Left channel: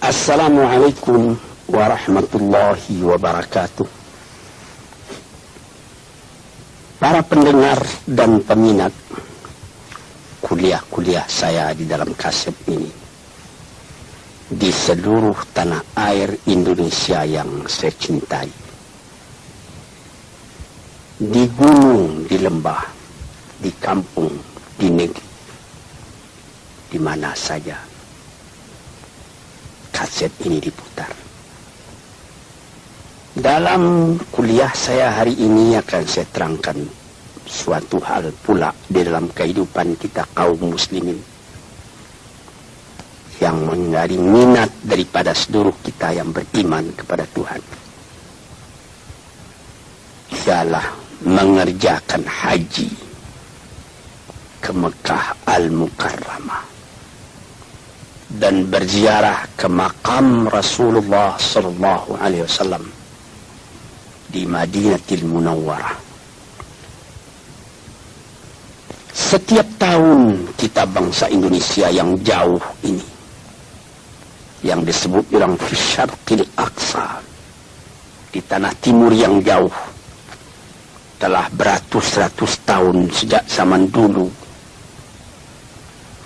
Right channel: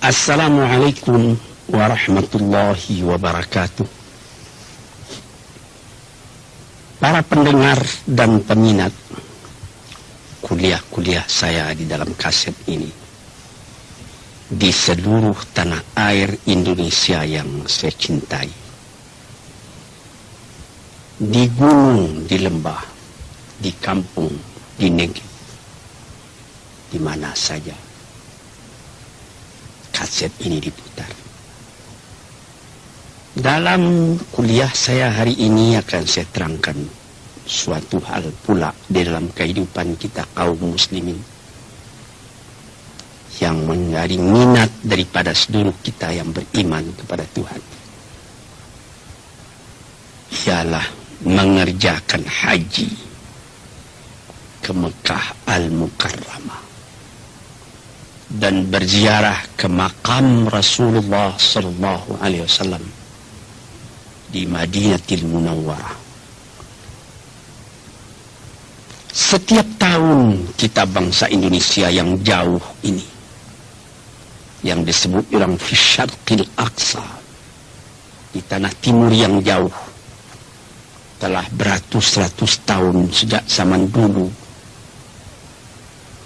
Assalamualaikum warahmatullahi wabarakatuh. Para pendengar dan peminat kuliah-kuliah saya di dalam kaset ini, di seluruh tanah air Indonesia yang saya cintai, di gunung, di lembah, di kampung, di negeri, di mana saja kaset ini diputar. Dalam kuliah saya hari ini akan saya terangkan suatu hal pula di dalam kehidupan kita kaum muslimin yang menjadi minat daripada seluruh kita yang beriman kepada Tuhan. Ialah mengerjakan haji ke Mekah Al-Mukarramah dan berziarah ke makam Rasulullah sallallahu alaihi wasallam di Madinatul Munawwarah. Setiap tahun kita bangsa Indonesia yang jauh ini, yang disebut orang fi Syarqil Aqsa, di tanah timur yang jauh, telah beratus-ratus tahun sejak zaman dulu,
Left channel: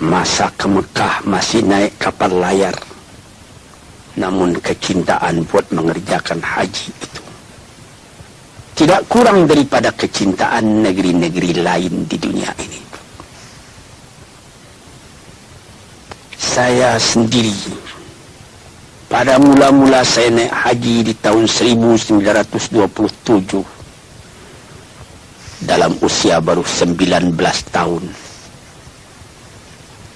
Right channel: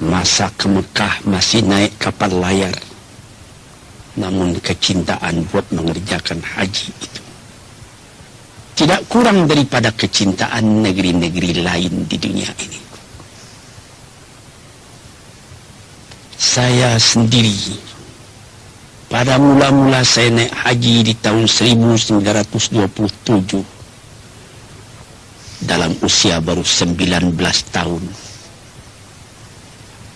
masa ke Mekah masih naik kapal layar, namun kecintaan buat mengerjakan haji itu tidak kurang daripada kecintaan negeri-negeri lain di dunia ini. Saya sendiri, pada mula-mula saya naik haji di tahun 1927, dalam usia baru 19 tahun.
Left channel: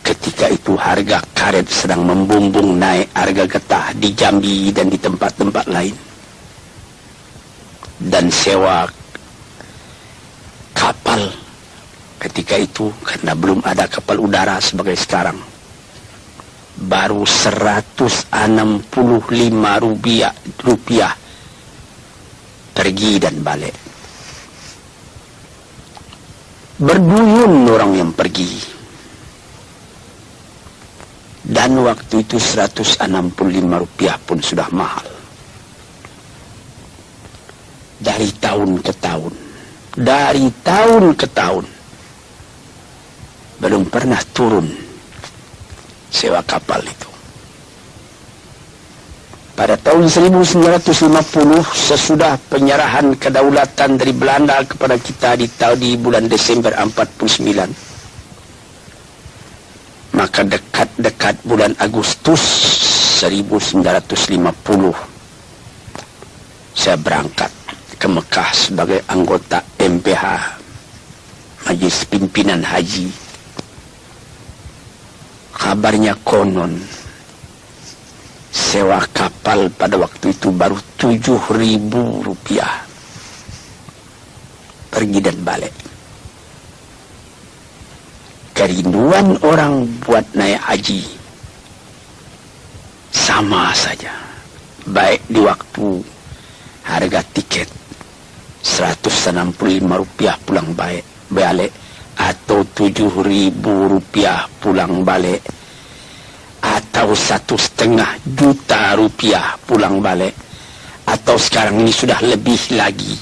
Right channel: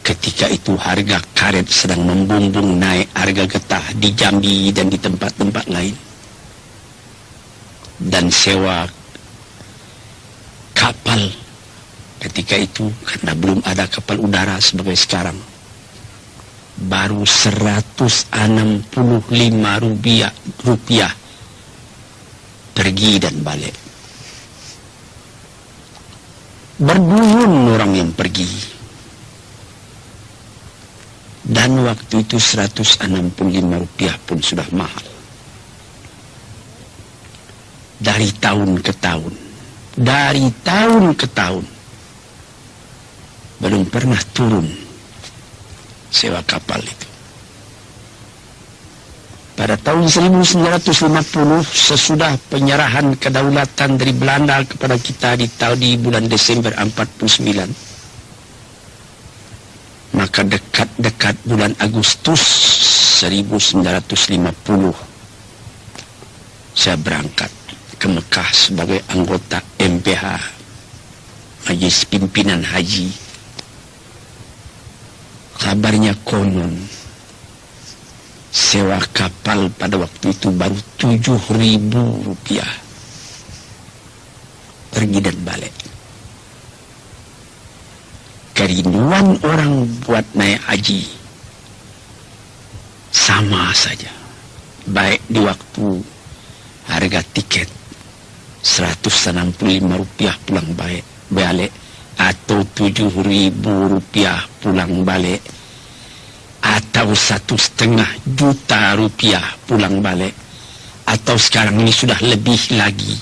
Ketika itu harga karet sedang membumbung naik, harga getah di Jambi dan di tempat-tempat lain. Dan sewa kapal ketika itu, karena belum ada kapal udara sebagai sekarang, baru 165 rupiah pergi dan balik. Berduyun orang yang pergi. Dan waktu itu 165 rupiah pun sudah mahal. Dari tahun ke tahun, belum pernah turun sewa kapal itu. Pada tahun 1950, sesudah penyerahan kedaulatan dari Belanda kepada kita di bulan Desember 49, maka dekat-dekat bulan Agustus 1950, saya berangkat ke Mekah sebagai anggota MPH, Majelis Pimpinan Haji. Kabarnya konon sewa kapal pada waktu itu baru 7.000 rupiah pergi dan balik. Kerinduan orang buat naik haji sama saja, baik di waktu harga tiket 165 rupiah pulang balik, atau 7.000 rupiah pulang balik, atau 1,5 juta rupiah pulang balik, atau sekarang ini sudah lebih lagi,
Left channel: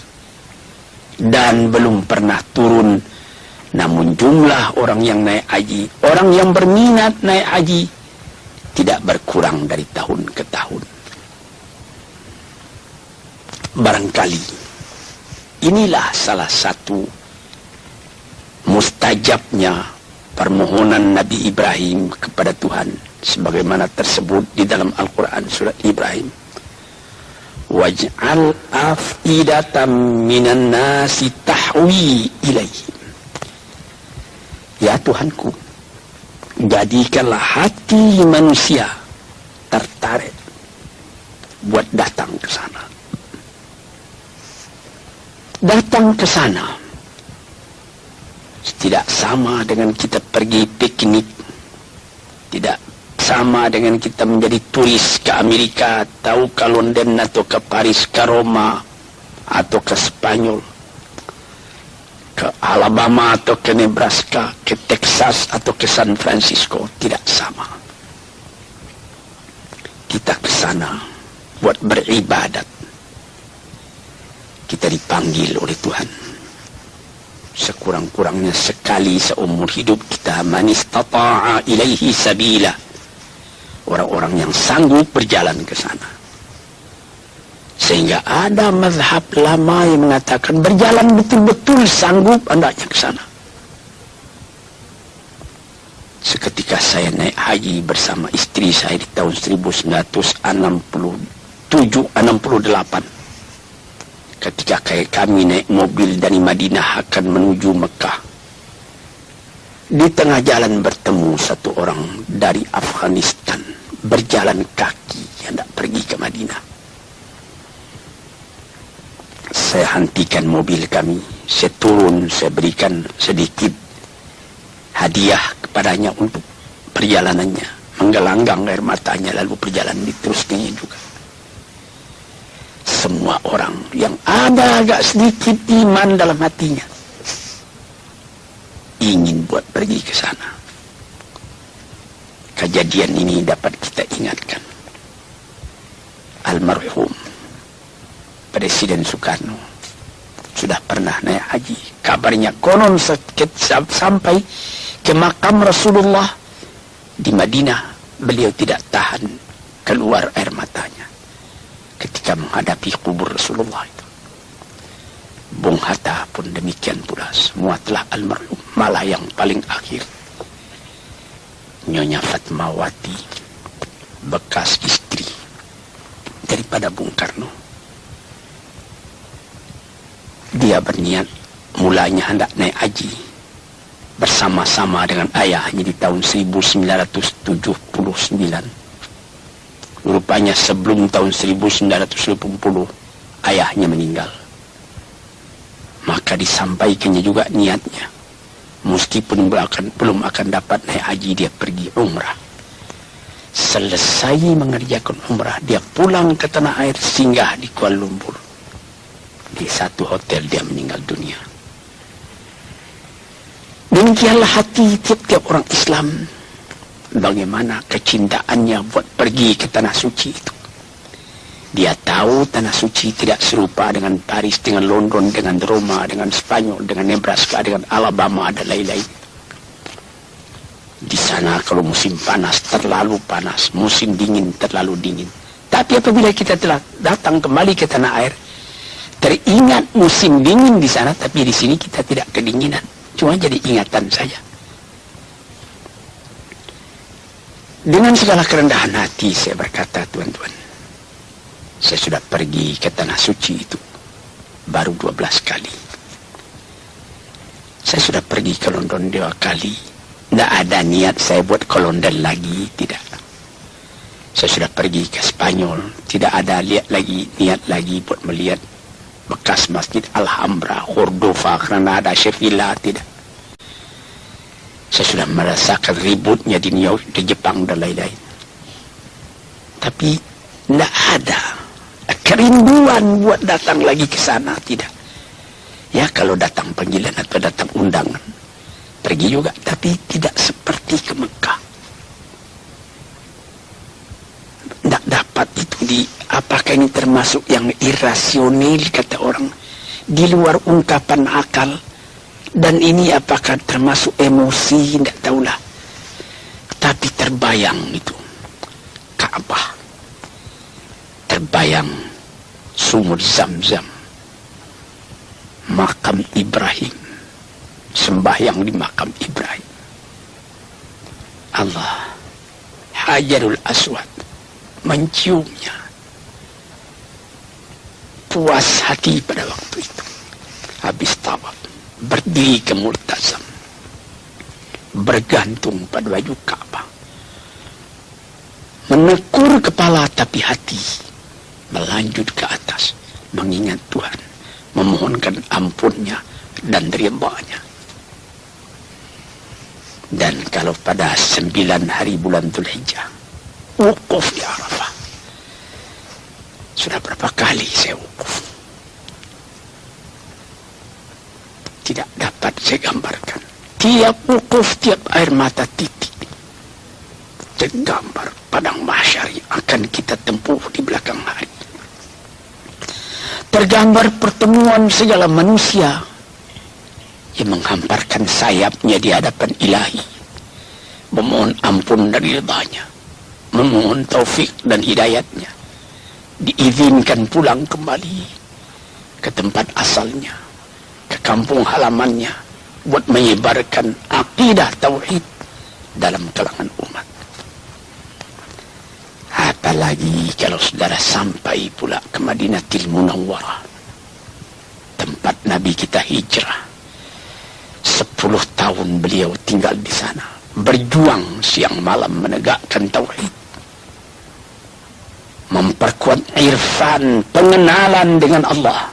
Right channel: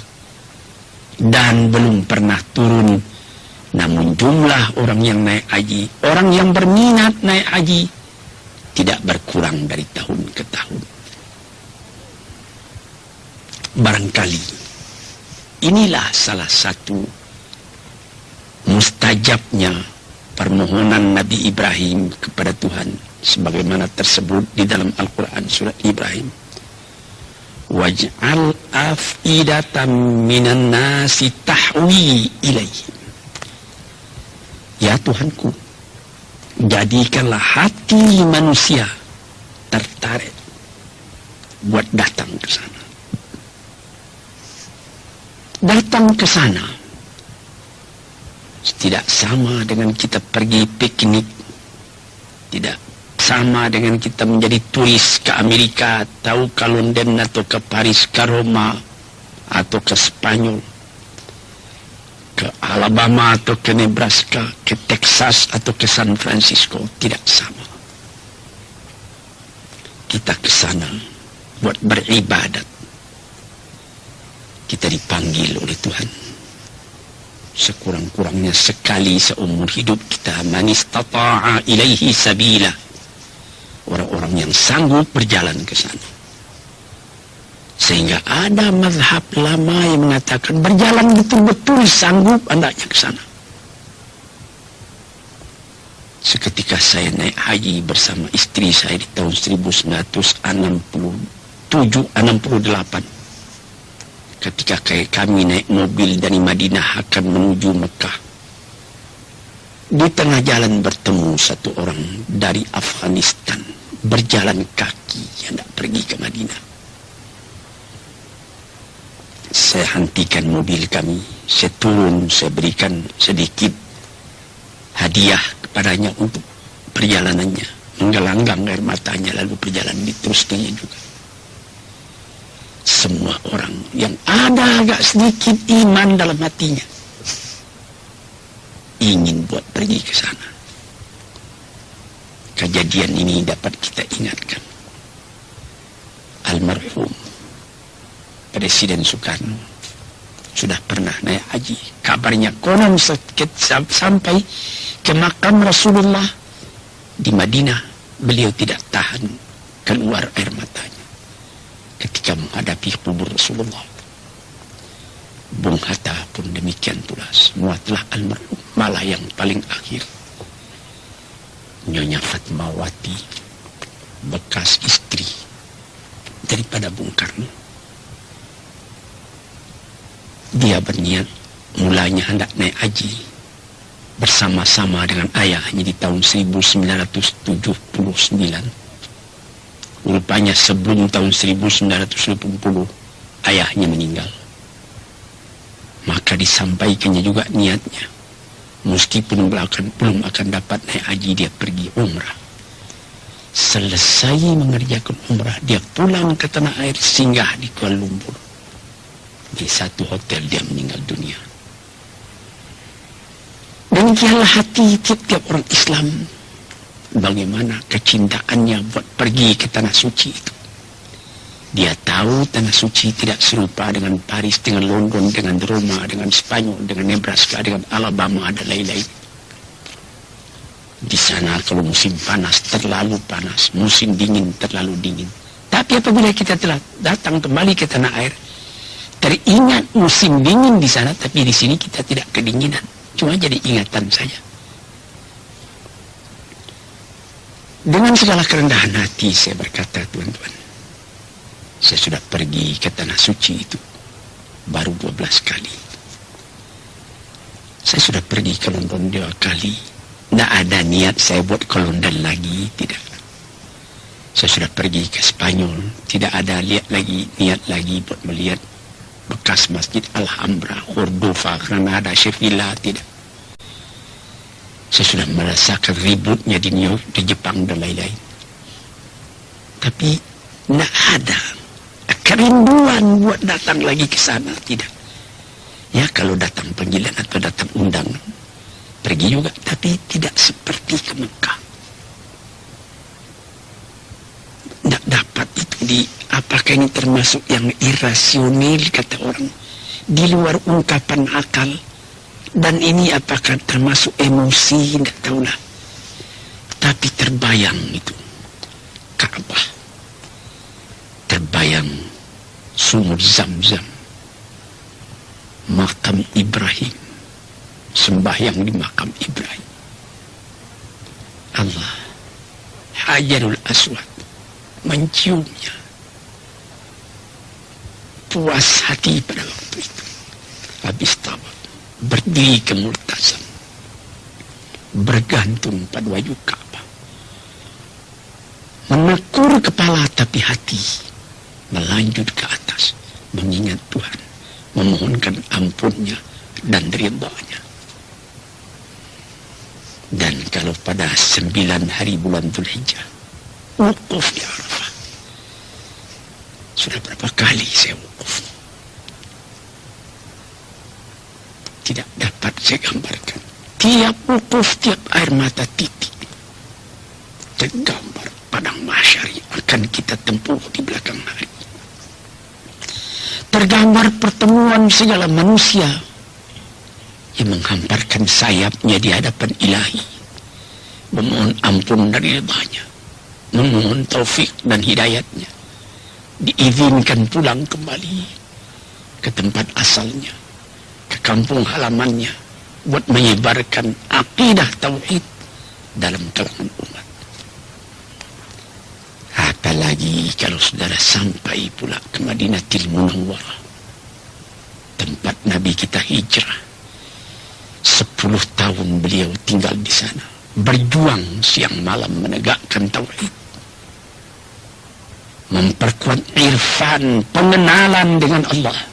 dan belum pernah turun. Namun jumlah orang yang naik haji, orang yang berminat naik haji, tidak berkurang dari tahun ke tahun. Barangkali inilah salah satu mustajabnya permohonan Nabi Ibrahim kepada Tuhan, sebagaimana tersebut di dalam Al-Quran surat Ibrahim. Waj'al af'idatan minan nasi tahwi ilaihim. Ya Tuhanku, jadikanlah hati manusia tertarik buat datang ke sana. Datang ke sana tidak sama dengan kita pergi piknik, tidak sama dengan kita menjadi turis ke Amerika, atau ke London, atau ke Paris, ke Roma, atau ke Spanyol, ke Alabama, atau ke Nebraska, ke Texas, atau ke San Francisco. Tidak sama. kita ke sana buat beribadat. Kita dipanggil oleh Tuhan. Sekurang-kurangnya sekali seumur hidup kita, man istata'a ilaihi sabila. Orang-orang yang sanggup berjalan ke sana. Sehingga ada mazhab lama yang mengatakan berjalan betul-betul sanggup hendaknya ke sana. Seketika saya naik haji bersama istri saya di tahun 1968. Ketika kami naik mobil dari Madinah akan menuju Mekah. Di tengah jalan bertemu satu orang dari Afghanistan. Berjalan kaki hendak pergi ke Madinah. Saya hentikan mobil kami. Saya turun, saya berikan sedikit hadiah kepadanya untuk perjalanannya. Menggelanggang air matanya lalu perjalanan diteruskannya juga. Semua orang yang ada agak sedikit iman dalam hatinya ingin buat pergi ke sana. Kejadian ini dapat kita ingatkan. Almarhum Presiden Soekarno sudah pernah naik haji. Kabarnya konon sampai ke makam Rasulullah di Madinah, beliau tidak tahan keluar air matanya ketika menghadapi kubur Rasulullah itu. Bung Hatta pun demikian pula. Semua telah almarhum. Malah yang paling akhir, Nyonya Fatmawati, bekas istri daripada Bung Karno. Dia berniat mulanya hendak naik haji bersama-sama dengan ayahnya di tahun 1979. Rupanya sebelum tahun 1980 ayahnya meninggal. Maka disampaikannya juga niatnya. Meskipun belum akan dapat naik haji, dia pergi umrah. Selesai mengerjakan umrah, dia pulang ke tanah air, singgah di Kuala Lumpur. Di satu hotel dia meninggal dunia. Demikianlah hati tiap-tiap orang Islam. Bagaimana kecintaannya buat pergi ke tanah suci itu. Dia tahu tanah suci tidak serupa dengan Paris, dengan London, dengan Roma, dengan Spanyol, dengan Nebraska, dengan Alabama, dan lain-lain. Di sana kalau musim panas terlalu panas, musim dingin terlalu dingin. Tapi apabila kita telah datang kembali ke tanah air, teringat musim dingin di sana, tapi di sini kita tidak kedinginan. Cuma jadi ingatan saja. Dengan segala kerendahan hati saya berkata, tuan-tuan, saya sudah pergi ke tanah suci itu baru 12 kali. Saya sudah pergi ke London 2 kali. Tidak ada niat saya buat ke London lagi, tidak. Saya sudah pergi ke Spanyol, tidak ada niat lagi buat melihat bekas Masjid Alhambra, Cordova, Granada, Sevilla, tidak. Saya sudah merasakan ributnya di New York, di Jepang, dan lain-lain. Tapi tidak ada kerinduan buat datang lagi ke sana, tidak. Ya, kalau datang panggilan atau datang undangan, pergi juga, tapi tidak seperti ke Mekah. Tidak dapat itu. Apakah ini termasuk yang irasional, kata orang, di luar ungkapan akal? Dan ini apakah termasuk emosi? Tidak tahulah. Tapi terbayang itu Ka'bah, terbayang sumur Zam-Zam, makam Ibrahim, sembahyang di makam Ibrahim, Allah, Hajarul Aswad, menciumnya. Puas hati pada waktu itu. Habis tawaf, berdiri ke Multazam, bergantung pada baju Ka'bah, menekur kepala tapi hati melanjut ke atas, mengingat Tuhan, memohonkan ampunnya dan ridha-Nya. Dan kalau pada 9 hari bulan Dzulhijjah, wukuf di Arafah. Sudah berapa kali saya wukuf. Tidak dapat saya gambarkan. Tiap wukuf, tiap air mata titik tergambar padang mahsyar yang akan kita tempuh di belakang hari. Tergambar pertemuan segala manusia yang menghamparkan sayapnya di hadapan ilahi, memohon ampun dari lebahnya, memohon taufik dan hidayatnya, diizinkan pulang kembali ke tempat asalnya, ke kampung halamannya, buat menyebarkan akidah tauhid dalam kalangan umat. Apalagi kalau saudara sampai pula ke Madinatul Munawwarah, tempat Nabi kita hijrah. 10 tahun beliau tinggal di sana, berjuang siang malam menegakkan tauhid, memperkuat irfan, pengenalan dengan Allah.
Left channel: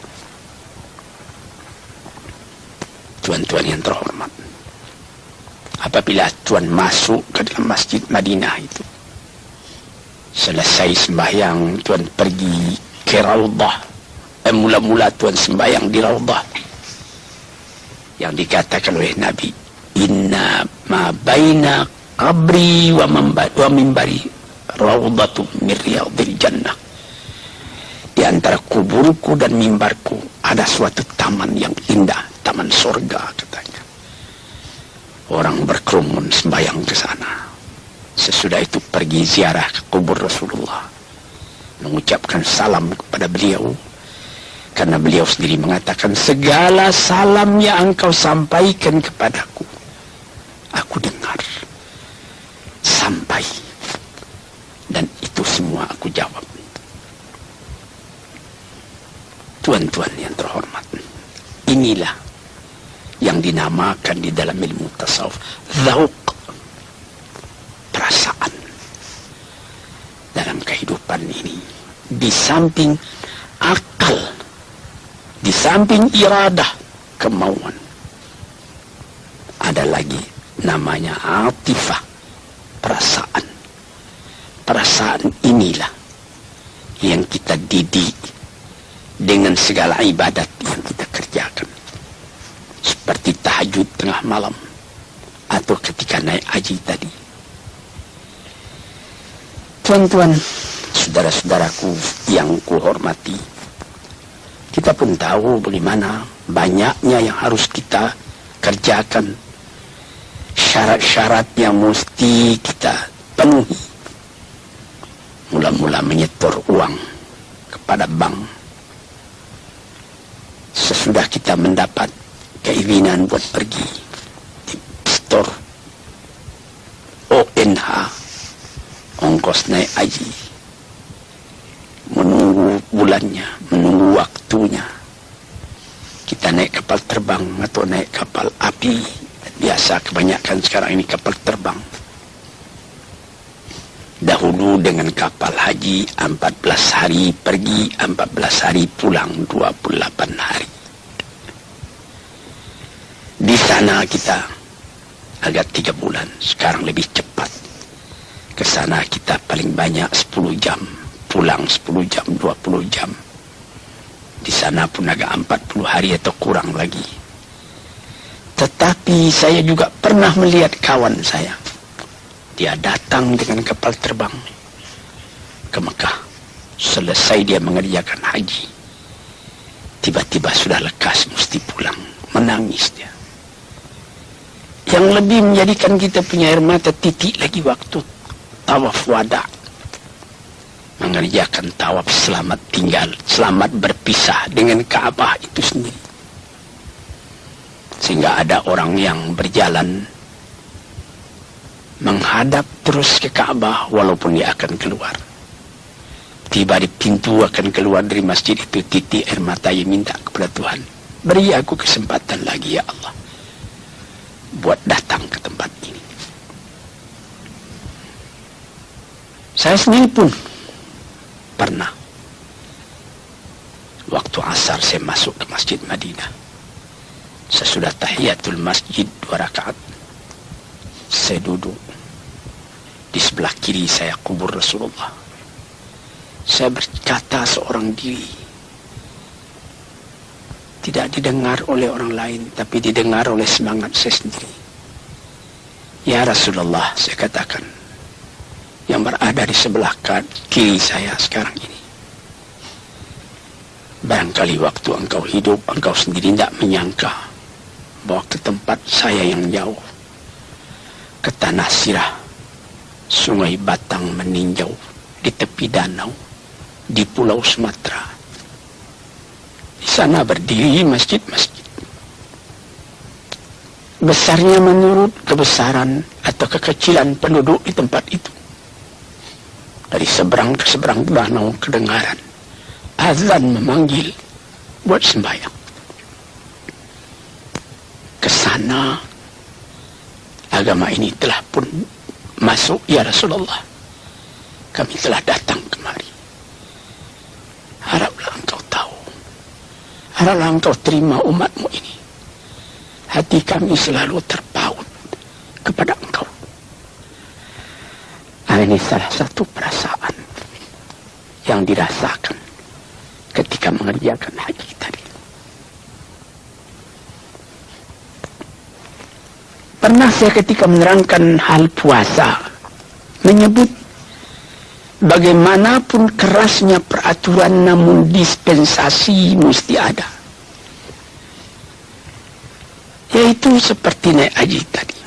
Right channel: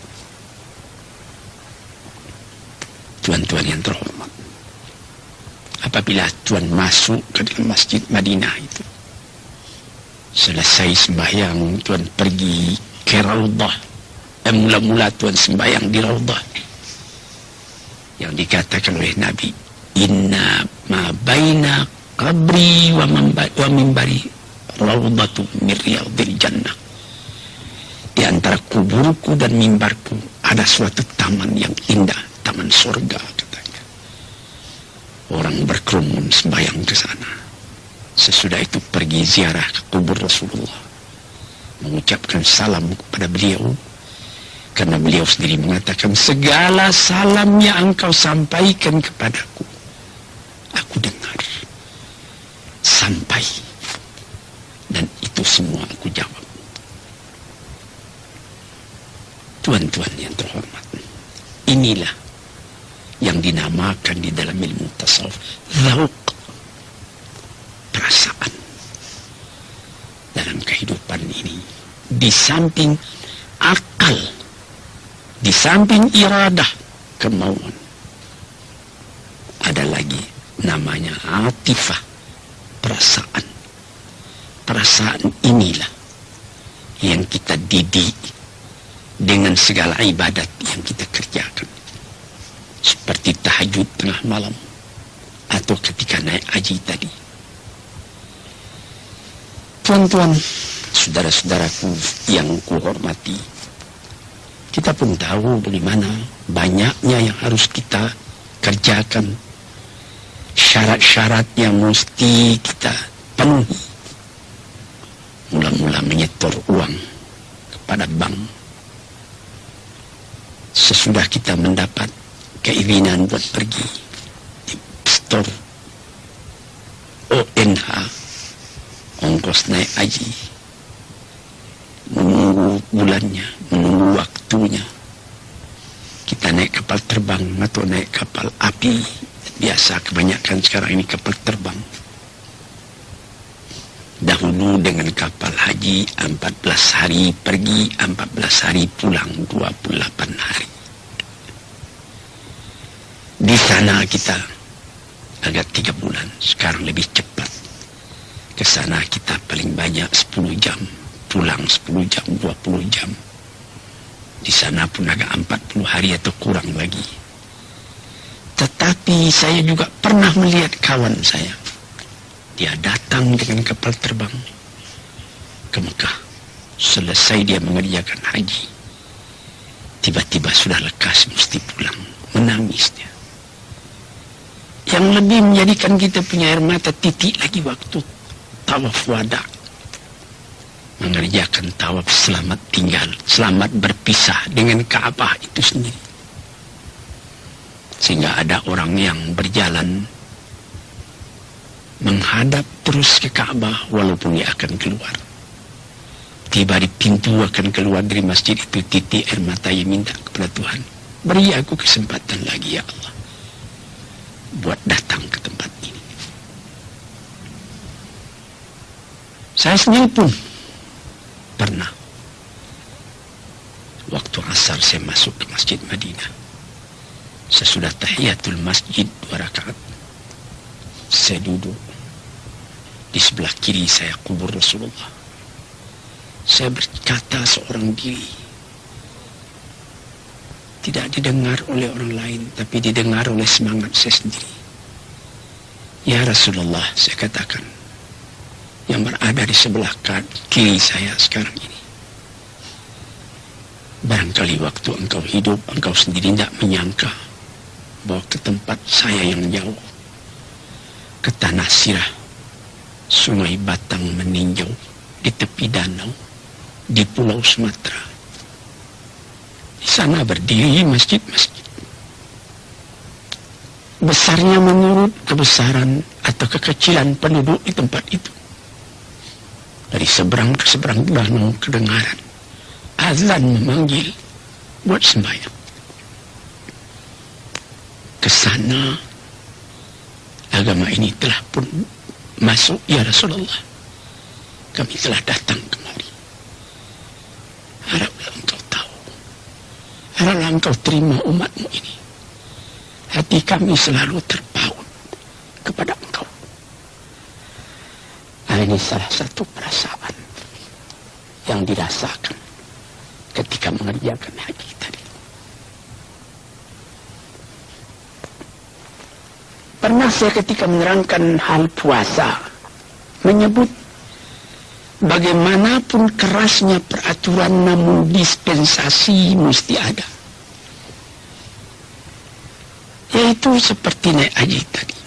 Tuan-tuan yang terhormat, apabila tuan masuk ke dalam Masjid Madinah itu, selesai sembahyang, tuan pergi ke Raudhah. Mula-mula tuan sembahyang di Raudhah yang dikatakan oleh Nabi, inna ma baina qabri wa mimbari raudhatu min riyadil jannah. Di antara kuburku dan mimbarku ada suatu taman yang indah, taman surga katanya. Orang berkerumun sembahyang ke sana. Sesudah itu pergi ziarah ke kubur Rasulullah, mengucapkan salam kepada beliau, karena beliau sendiri mengatakan, segala salam yang engkau sampaikan kepadaku, aku dengar sampai, dan itu semua aku jawab. Tuan-tuan yang terhormat, inilah yang dinamakan di dalam ilmu tasawuf lauq, perasaan dalam kehidupan ini. Di samping akal, di samping iradah, kemauan, ada lagi namanya atifah, perasaan. Perasaan inilah yang kita didik dengan segala ibadat yang kita kerjakan, seperti tahajud tengah malam atau ketika naik haji tadi. Tuan-tuan, saudara-saudaraku yang kuhormati, kita pun tahu bagaimana banyaknya yang harus kita kerjakan, syarat-syarat yang mesti kita penuhi. Mula-mula menyetor uang kepada bank. Sesudah kita mendapat keinginan buat pergi store ONH, ongkos naik haji, menunggu bulannya, menunggu waktunya. Kita naik kapal terbang atau naik kapal api. Biasa kebanyakan sekarang ini kapal terbang. Dahulu dengan kapal haji 14 hari pergi, 14 hari pulang, 28 hari. Di sana kita agak 3 bulan, sekarang lebih cepat. Ke sana kita paling banyak 10 jam, pulang 10 jam, 20 jam. Di sana pun agak 40 hari atau kurang lagi. Tetapi saya juga pernah melihat kawan saya. Dia datang dengan kapal terbang ke Mekah. Selesai dia mengerjakan haji, tiba-tiba sudah lekas mesti pulang. Menangis dia. Yang lebih menjadikan kita punya air mata titik lagi waktu tawaf wada, mengerjakan tawaf selamat tinggal, selamat berpisah dengan Ka'bah itu sendiri. Sehingga ada orang yang berjalan menghadap terus ke Ka'bah walaupun dia akan keluar. Tiba di pintu akan keluar dari masjid itu, titik air mata yang minta kepada Tuhan, beri aku kesempatan lagi ya Allah, buat datang ke tempat ini. Saya sendiri pun pernah. Waktu asar saya masuk ke Masjid Madinah. Sesudah tahiyatul masjid 2 rakaat, saya duduk. Di sebelah kiri saya kubur Rasulullah. Saya berkata seorang diri. Tidak didengar oleh orang lain, tapi didengar oleh semangat saya sendiri. Ya Rasulullah, saya katakan, yang berada di sebelah kiri saya sekarang ini. Barangkali waktu engkau hidup, engkau sendiri tidak menyangka bahwa ke tempat saya yang jauh, ke tanah sirah, sungai Batang meninjau di tepi danau, di Pulau Sumatera. Di sana berdiri masjid-masjid. Besarnya menurut kebesaran atau kekecilan penduduk di tempat itu. Dari seberang ke seberang danau kedengaran azan memanggil buat sembahyang. Ke sana agama ini telah pun masuk, ya Rasulullah. Kami telah datang kemari. Haraplah engkau tahu. Haraplah engkau terima umatmu ini. Hati kami selalu terpaut kepada engkau. Nah, ini salah satu perasaan yang dirasakan ketika mengerjakan haji tadi. Pernah saya ketika menerangkan hal puasa menyebut bagaimanapun kerasnya peraturan namun dispensasi mesti ada. Yaitu seperti naik haji tadi.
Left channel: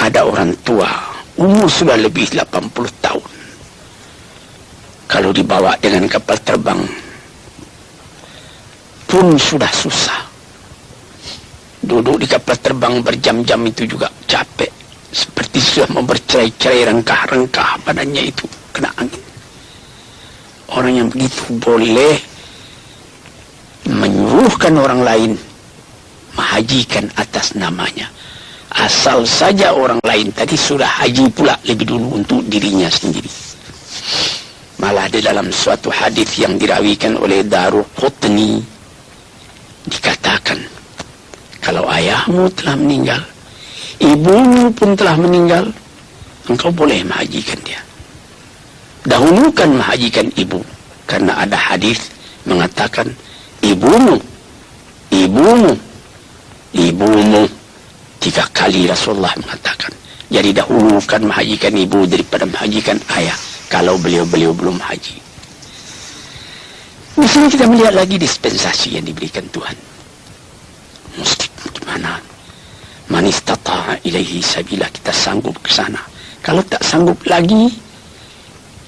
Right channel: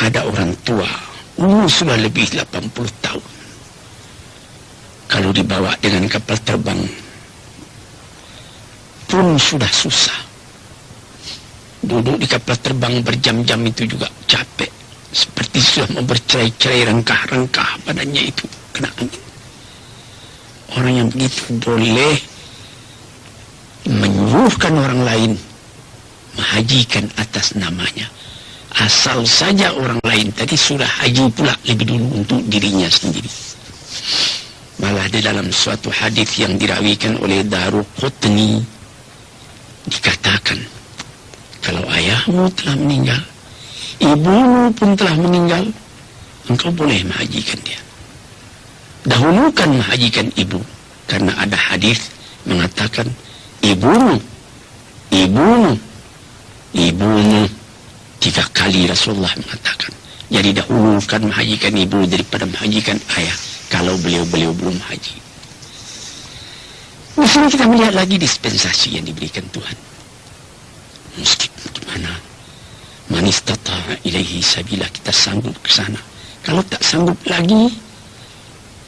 Ada orang tua, umur sudah lebih 80 tahun. Kalau dibawa dengan kapal terbang pun sudah susah. Duduk di kapal terbang berjam-jam itu juga capek. Seperti sudah membercerai-cerai rengkah-rengkah badannya itu kena angin. Orang yang begitu boleh menyuruhkan orang lain menghajikan atas namanya. Asal saja orang lain tadi sudah haji pula lebih dulu untuk dirinya sendiri. Malah di dalam suatu hadis yang dirawikan oleh Daruqutni dikatakan, kalau ayahmu telah meninggal, ibumu pun telah meninggal, engkau boleh menghajikan dia. Dahulukan menghajikan ibu, karena ada hadis mengatakan ibumu. 3 kali Rasulullah mengatakan. Jadi dahulukan menghajikan ibu daripada menghajikan ayah, kalau beliau-beliau belum haji. Di sini kita melihat lagi dispensasi yang diberikan Tuhan. Mesti gimana? Man istata'a ilaihi sabila, kita sanggup ke sana. Kalau tak sanggup lagi,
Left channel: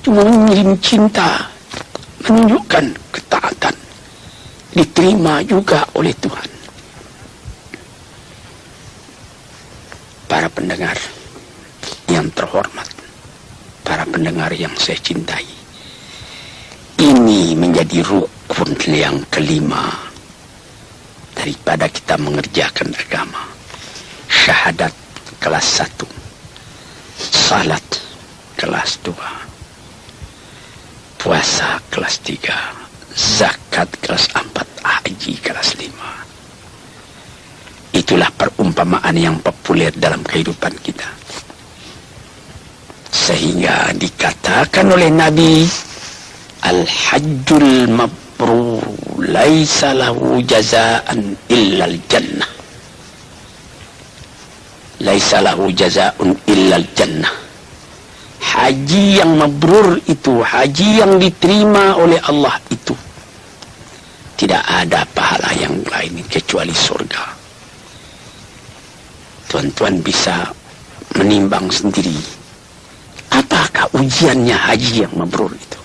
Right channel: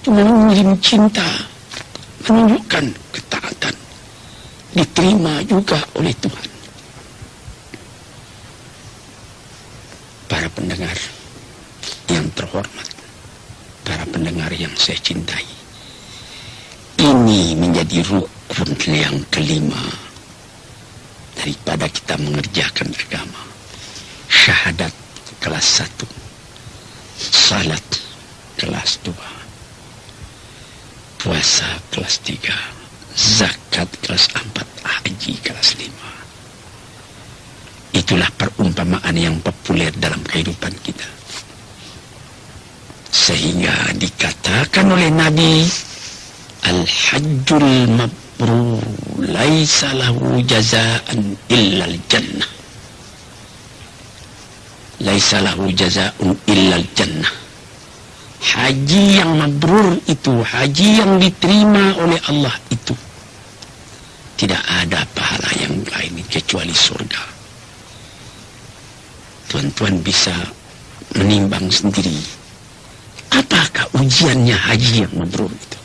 cuma mengirim cinta, menunjukkan ketaatan, diterima juga oleh Tuhan. Para pendengar yang terhormat, para pendengar yang saya cintai, ini menjadi rukun yang kelima daripada kita mengerjakan agama. Syahadat kelas 1, salat kelas 2, puasa kelas 3, zakat kelas 4, haji kelas 5. Itulah perumpamaan yang populer dalam kehidupan kita. Sehingga dikatakan oleh Nabi, Al-Hajjul Mabrur laisa lahu jazaan illal jannah. Laisa lahu jazaun illal jannah. Haji yang mabrur itu, haji yang diterima oleh Allah itu, tidak ada pahala yang lain kecuali surga. Tuan-tuan bisa menimbang sendiri, apakah ujiannya haji yang mabrur itu?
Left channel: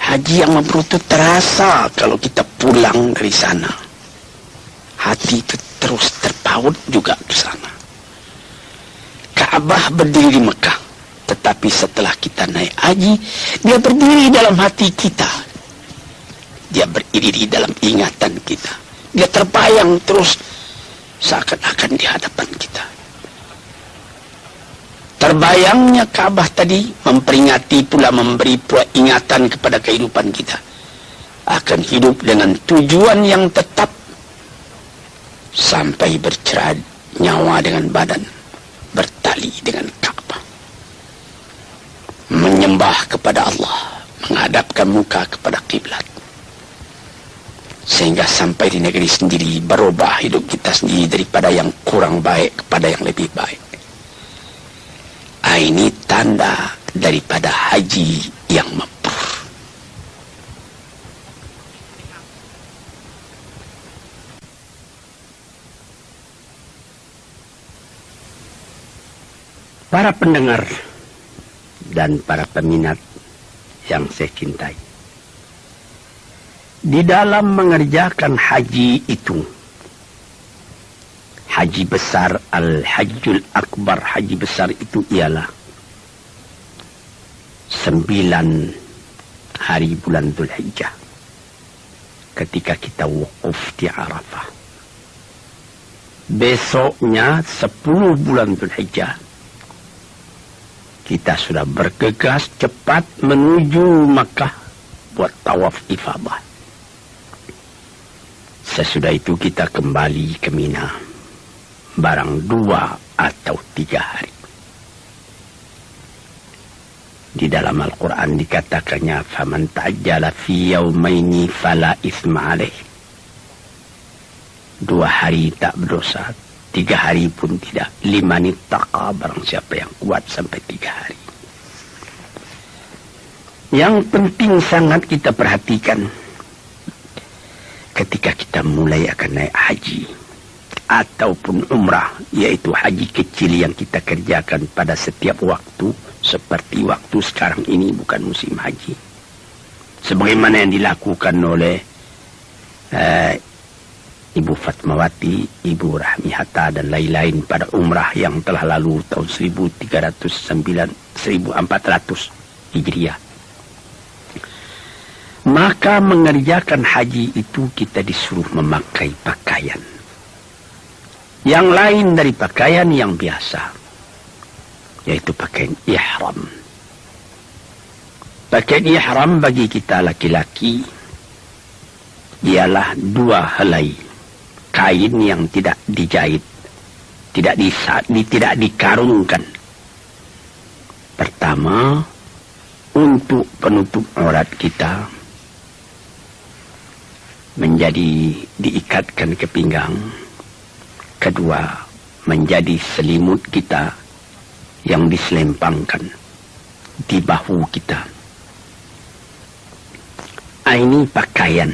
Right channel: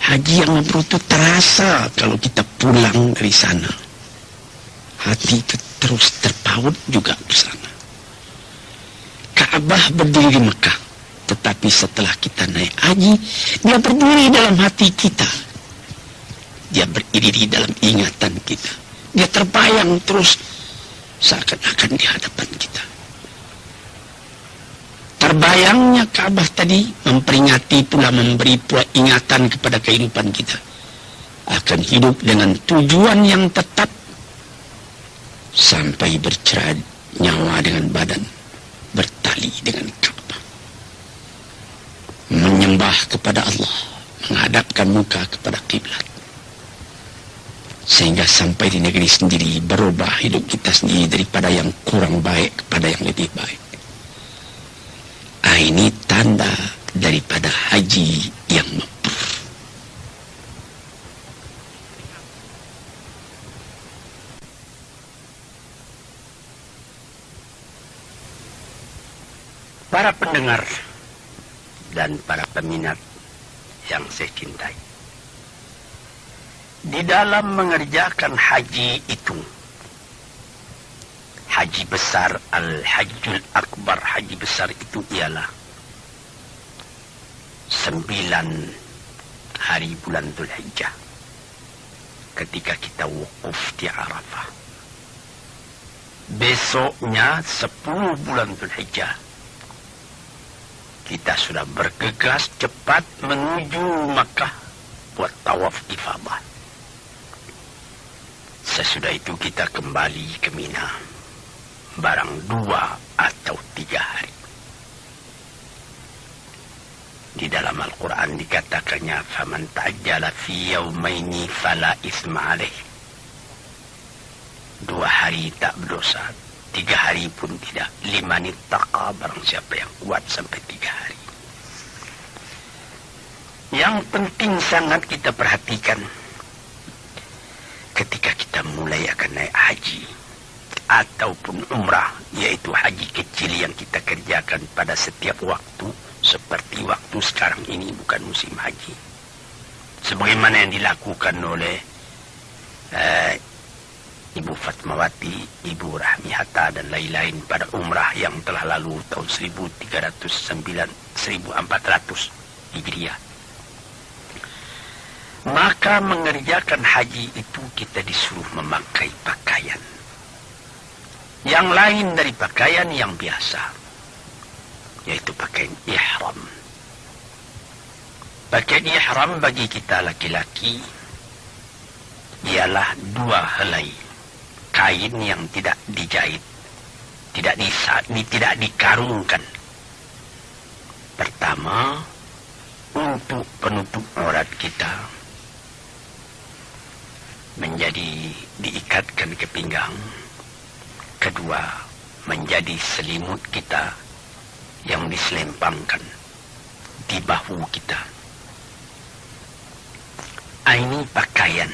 Haji yang mabrur itu terasa kalau kita pulang dari sana. Hati itu terus terpaut juga ke sana. Ka'bah berdiri di Mekah, tetapi setelah kita naik haji, dia berdiri dalam hati kita. Dia berdiri dalam ingatan kita. Dia terbayang terus seakan-akan di hadapan kita. Terbayangnya Ka'bah tadi memperingati pula, memberi peringatan kepada kehidupan kita. Akan hidup dengan tujuan yang tetap sampai bercerai nyawa dengan badan, bertali dengan Ka'bah. Menyembah kepada Allah, menghadapkan muka kepada kiblat. Sehingga sampai di negeri sendiri berubah hidup kita sendiri daripada yang kurang baik kepada yang lebih baik. Ini tanda daripada haji yang mabrur. Para pendengar dan para peminat yang saya cintai, di dalam mengerjakan haji itu, haji besar, al-hajjul akbar, haji besar itu ialah 9 hari bulan Dzulhijjah ketika kita wukuf di Arafah. Besoknya 10 bulan Dzulhijjah kita sudah bergegas cepat menuju Makkah buat tawaf ifadah. Sesudah itu kita kembali ke Mina barang 2 atau 3 hari. Di dalam Al-Quran dikatakannya, faman ta'ajjala fi yaumaini fala isma alaih. 2 hari tak berdosa, 3 hari pun tidak. 5 nittaqa, barang siapa yang kuat sampai 3 hari. Yang penting sangat kita perhatikan ketika kita mulai akan naik haji ataupun umrah, yaitu haji kecil yang kita kerjakan pada setiap waktu, seperti waktu sekarang ini bukan musim haji, sebagaimana yang dilakukan oleh Ibu Fatmawati, Ibu Rahmi Hatta dan lain-lain pada umrah yang telah lalu tahun 1400 Hijriah. Maka mengerjakan haji itu kita disuruh memakai pakaian yang lain dari pakaian yang biasa, yaitu pakaian ihram. Pakaian ihram bagi kita laki-laki ialah 2 helai kain yang tidak dijahit, tidak dikarungkan. Pertama, untuk penutup aurat kita menjadi diikatkan ke pinggang. Kedua, menjadi selimut kita yang diselempangkan di bahu kita. Ini pakaian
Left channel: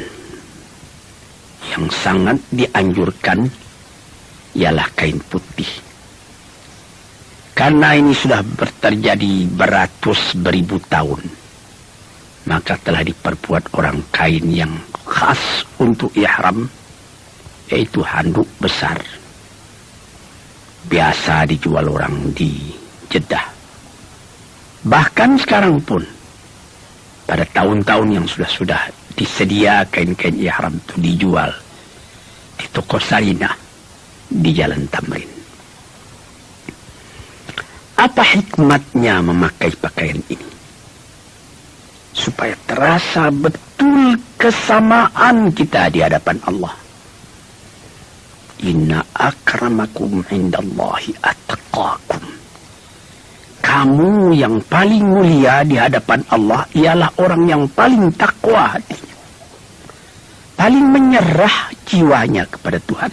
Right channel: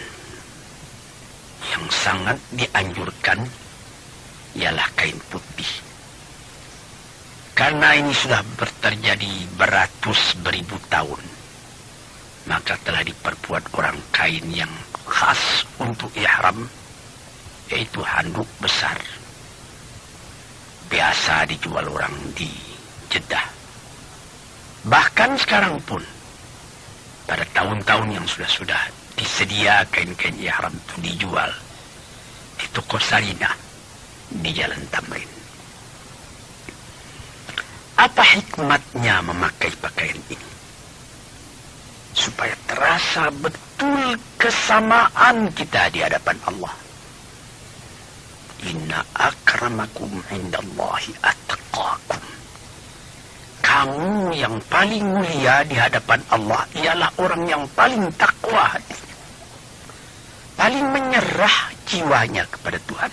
yang sangat dianjurkan ialah kain putih. Karena ini sudah terjadi beratus beribu tahun, maka telah diperbuat orang kain yang khas untuk ihram, yaitu handuk besar. Biasa dijual orang di Jeddah. Bahkan sekarang pun, pada tahun-tahun yang sudah disedia kain-kain ihram itu dijual di toko Sainah di Jalan Tamrin. Apa hikmatnya memakai pakaian ini? Supaya terasa betul kesamaan kita di hadapan Allah. Inna akramakum indallahi atqakum. Kamu yang paling mulia di hadapan Allah ialah orang yang paling takwa hati, paling menyerah jiwanya kepada Tuhan.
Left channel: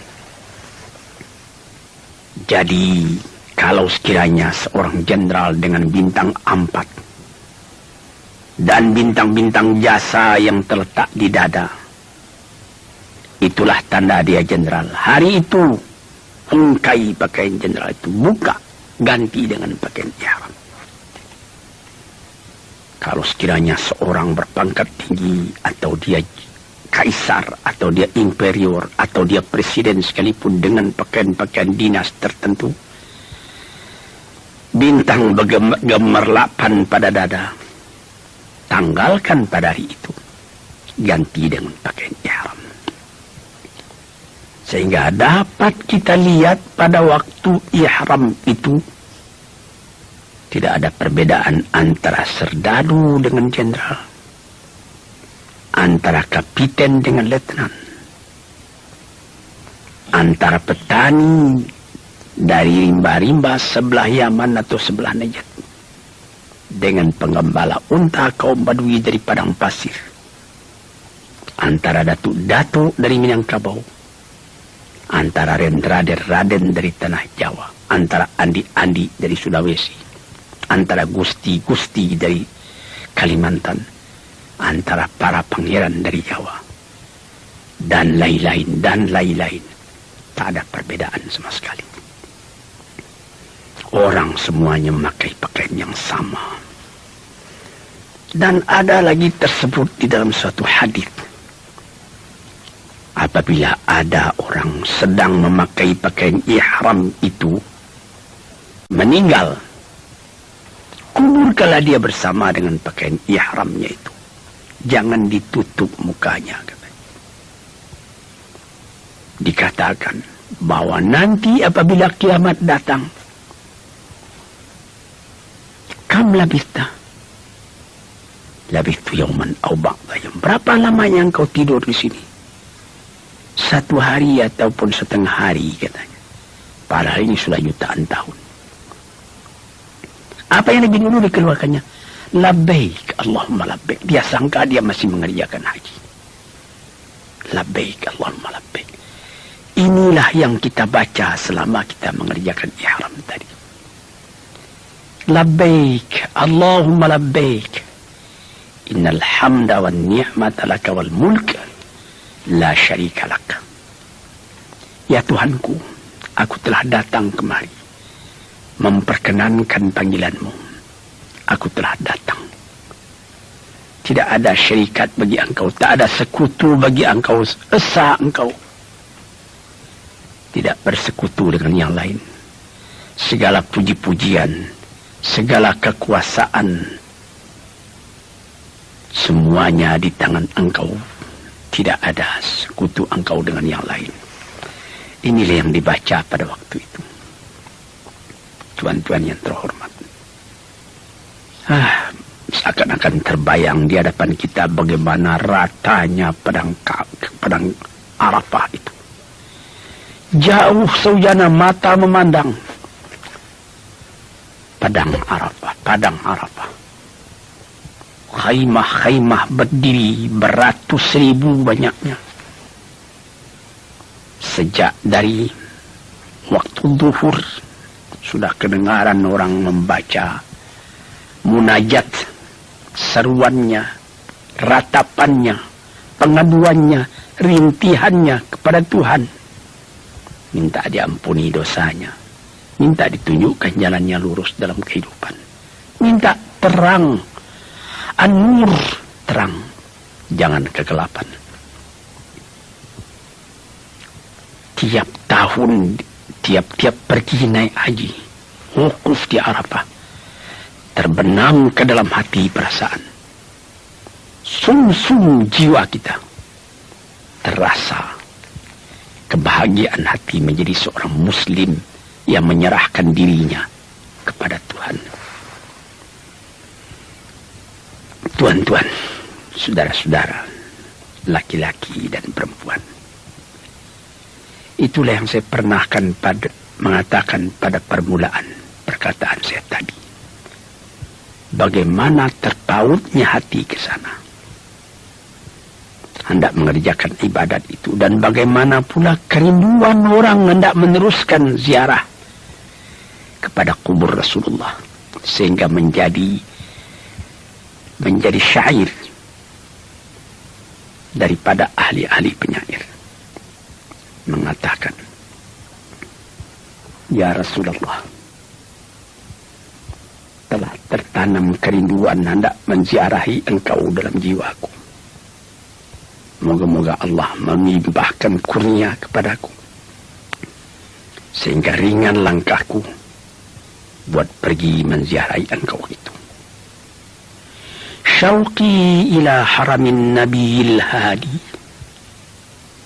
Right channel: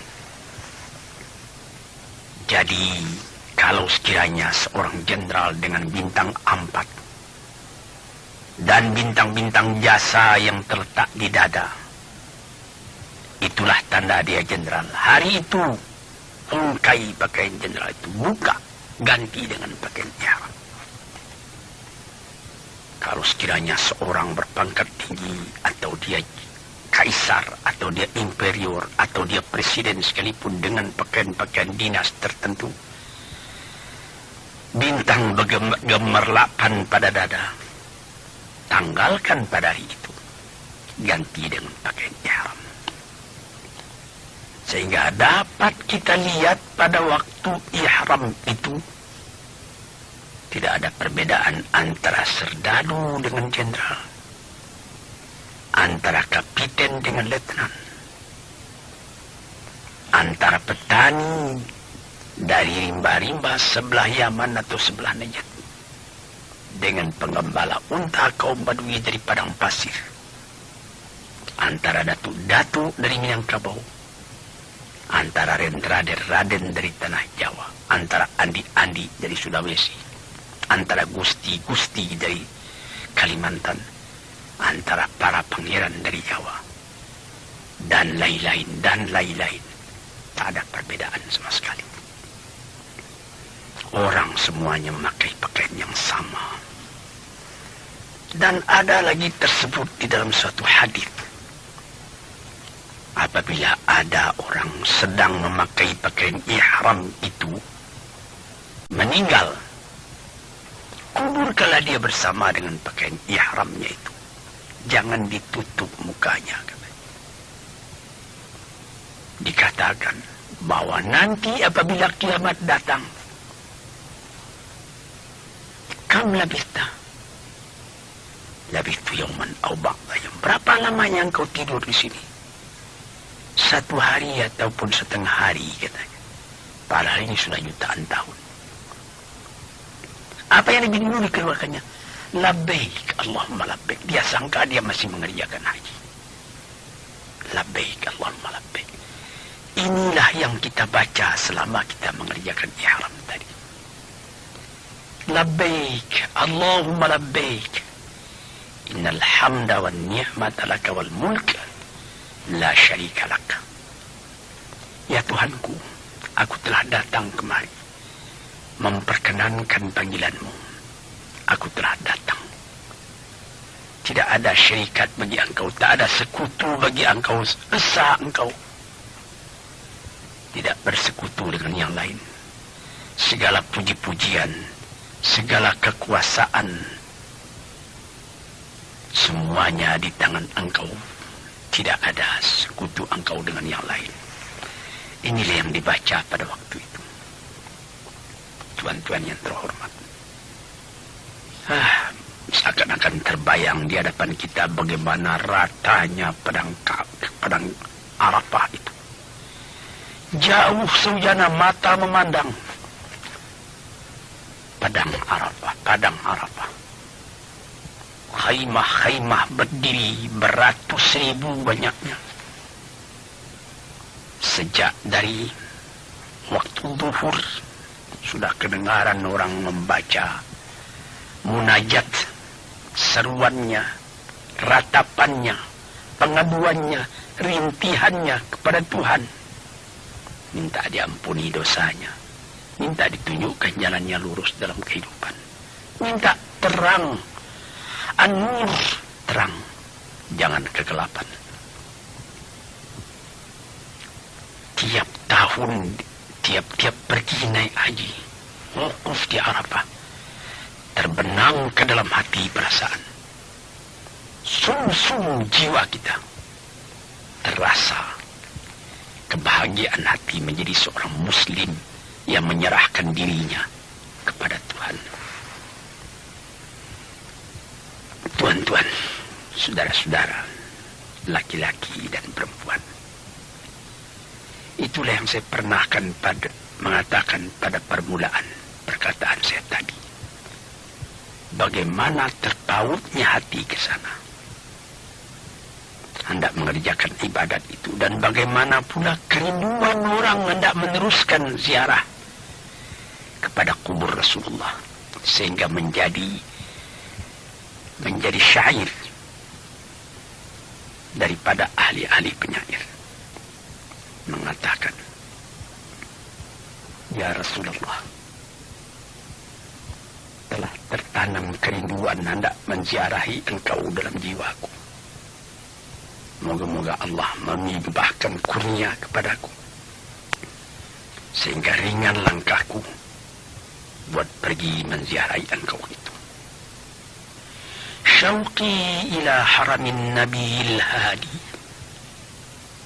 Jadi kalau sekiranya seorang jenderal dengan bintang 4 dan bintang-bintang jasa yang terletak di dada, itulah tanda dia jenderal. Hari itu ungkai pakaian jenderal itu, buka, ganti dengan pakaian ihram. Kalau sekiranya seorang berpangkat tinggi, atau dia kaisar, atau dia imperior, atau dia presiden sekalipun dengan pakaian-pakaian dinas tertentu, bintang gemerlapan pada dada, tanggalkan pada hari itu, ganti dengan pakaian ihram. Sehingga dapat kita lihat pada waktu ihram itu tidak ada perbedaan antara serdadu dengan jenderal, antara kapiten dengan letnan, antara petani dari rimba-rimba sebelah Yaman atau sebelah Najd dengan pengembala unta kaum Badui dari padang pasir, antara datuk-datuk dari Minangkabau, antara raden dari tanah Jawa, antara andi-andi dari Sulawesi, antara gusti-gusti dari Kalimantan, antara para pangeran dari Jawa, dan lain-lain. Tak ada perbedaan sama sekali. Orang semuanya memakai pakaian yang sama. Dan ada lagi tersebut di dalam suatu hadis. Apabila ada orang sedang memakai pakaian ihram itu meninggal, kuburkanlah dia bersama dengan pakaian ihramnya itu. Jangan ditutup mukanya. Dikatakan bahwa nanti apabila kiamat datang, kam labista yawman aw ba'da yawm. Berapa lamanya engkau tidur di sini? 1 hari ataupun setengah hari, katanya. Padahal ini sudah jutaan tahun. Apa yang lebih dulu dikeluarkannya? Labbaik, Allahumma labbaik. Dia sangka dia masih mengerjakan haji. Labbaik, Allahumma labbaik. Inilah yang kita baca selama kita mengerjakan ihram tadi. Labbaik, Allahumma labbaik. Innal hamda wan ni'mata laka wal mulk la syarika laka. Ya Tuhanku, aku telah datang kemari memperkenankan panggilanmu. Aku telah datang. Tidak ada syarikat bagi engkau, tak ada sekutu bagi engkau, esa engkau. Tidak bersekutu dengan yang lain. Segala puji-pujian, segala kekuasaan, semuanya di tangan engkau. Tidak ada sekutu engkau dengan yang lain. Inilah yang dibaca pada waktu itu. Tuan-tuan yang terhormat. Seakan-akan terbayang di hadapan kita bagaimana ratanya padang Arafah itu. Jauh saujana mata memandang padang Arafah. Khaimah berdiri beratus ribu banyaknya. Sejak dari waktu zuhur sudah kedengaran orang membaca munajat, seruannya, ratapannya, pengaduannya, rintihannya kepada Tuhan. Minta diampuni dosanya. Minta ditunjukkan jalannya lurus dalam kehidupan. Minta terang. An-nur, terang. Jangan kegelapan. Tiap tahun, tiap pergi naik haji, wukuf di Arafah, terbenam ke dalam hati perasaan. Sum-sum jiwa kita terasa kebahagiaan hati menjadi seorang muslim yang menyerahkan dirinya kepada Tuhan. Tuan-tuan, saudara-saudara, laki-laki dan perempuan. Itulah yang saya pernahkan mengatakan pada permulaan perkataan saya tadi. Bagaimana terpautnya hati ke sana. Hendak mengerjakan ibadat itu. Dan bagaimana pula kerinduan orang hendak meneruskan ziarah kepada kubur Rasulullah. Sehingga menjadi syair daripada ahli-ahli penyair. Mengatakan, ya Rasulullah, telah tertanam kerinduan hendak menziarahi engkau dalam jiwaku. Moga-moga Allah memibahkan kurnia kepadaku, sehingga ringan langkahku buat pergi menziarahi engkau itu. Syauqi ila haramin nabiyil hadi,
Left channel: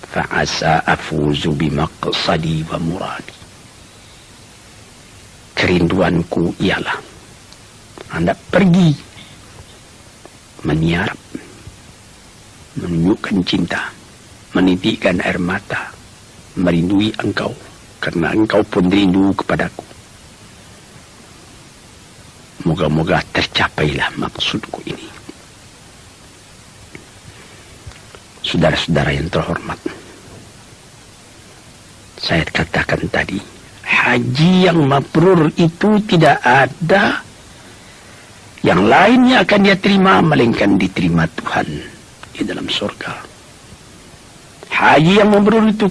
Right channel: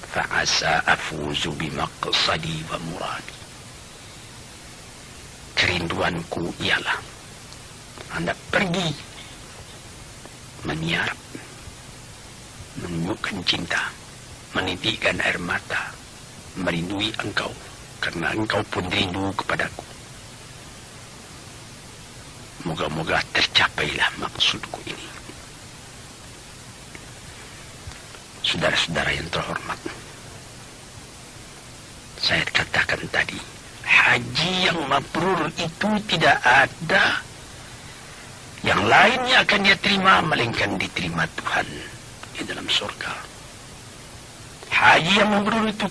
fa'asa afuzu bimaqsadi wa muradi. Kerinduanku ialah hendak pergi menyiarap, menunjukkan cinta, menitikkan air mata, merindui engkau, karena engkau pun rindu kepadaku. Moga-moga tercapailah maksudku ini. Saudara-saudara yang terhormat, saya katakan tadi, haji yang mabrur itu tidak ada Yang lainnya akan dia terima, melainkan diterima Tuhan di dalam surga. Haji yang mabrur itu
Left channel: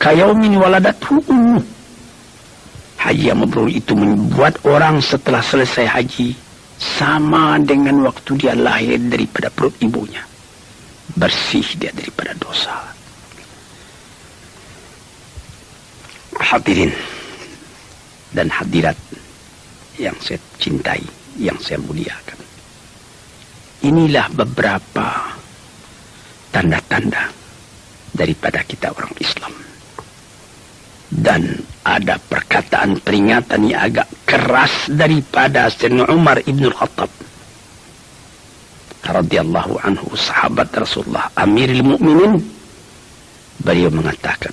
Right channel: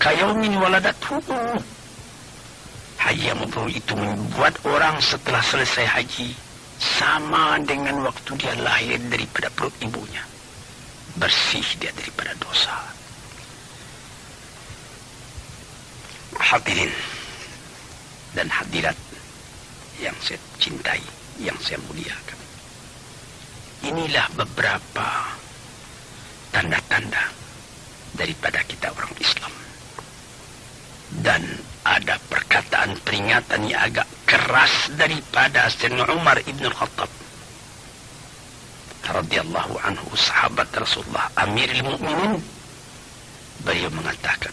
kayaumin waladathu ummu. Haji yang mabrur itu membuat orang setelah selesai haji sama dengan waktu dia lahir daripada perut ibunya. Bersih dia daripada dosa. Hadirin dan hadirat yang saya cintai, yang saya muliakan. Inilah beberapa tanda-tanda daripada kita orang Islam. Dan ada perkataan peringatan yang agak keras daripada Sayyidina Umar ibn Khattab radhiyallahu anhu, sahabat Rasulullah, Amirul Mukminin. Beliau mengatakan,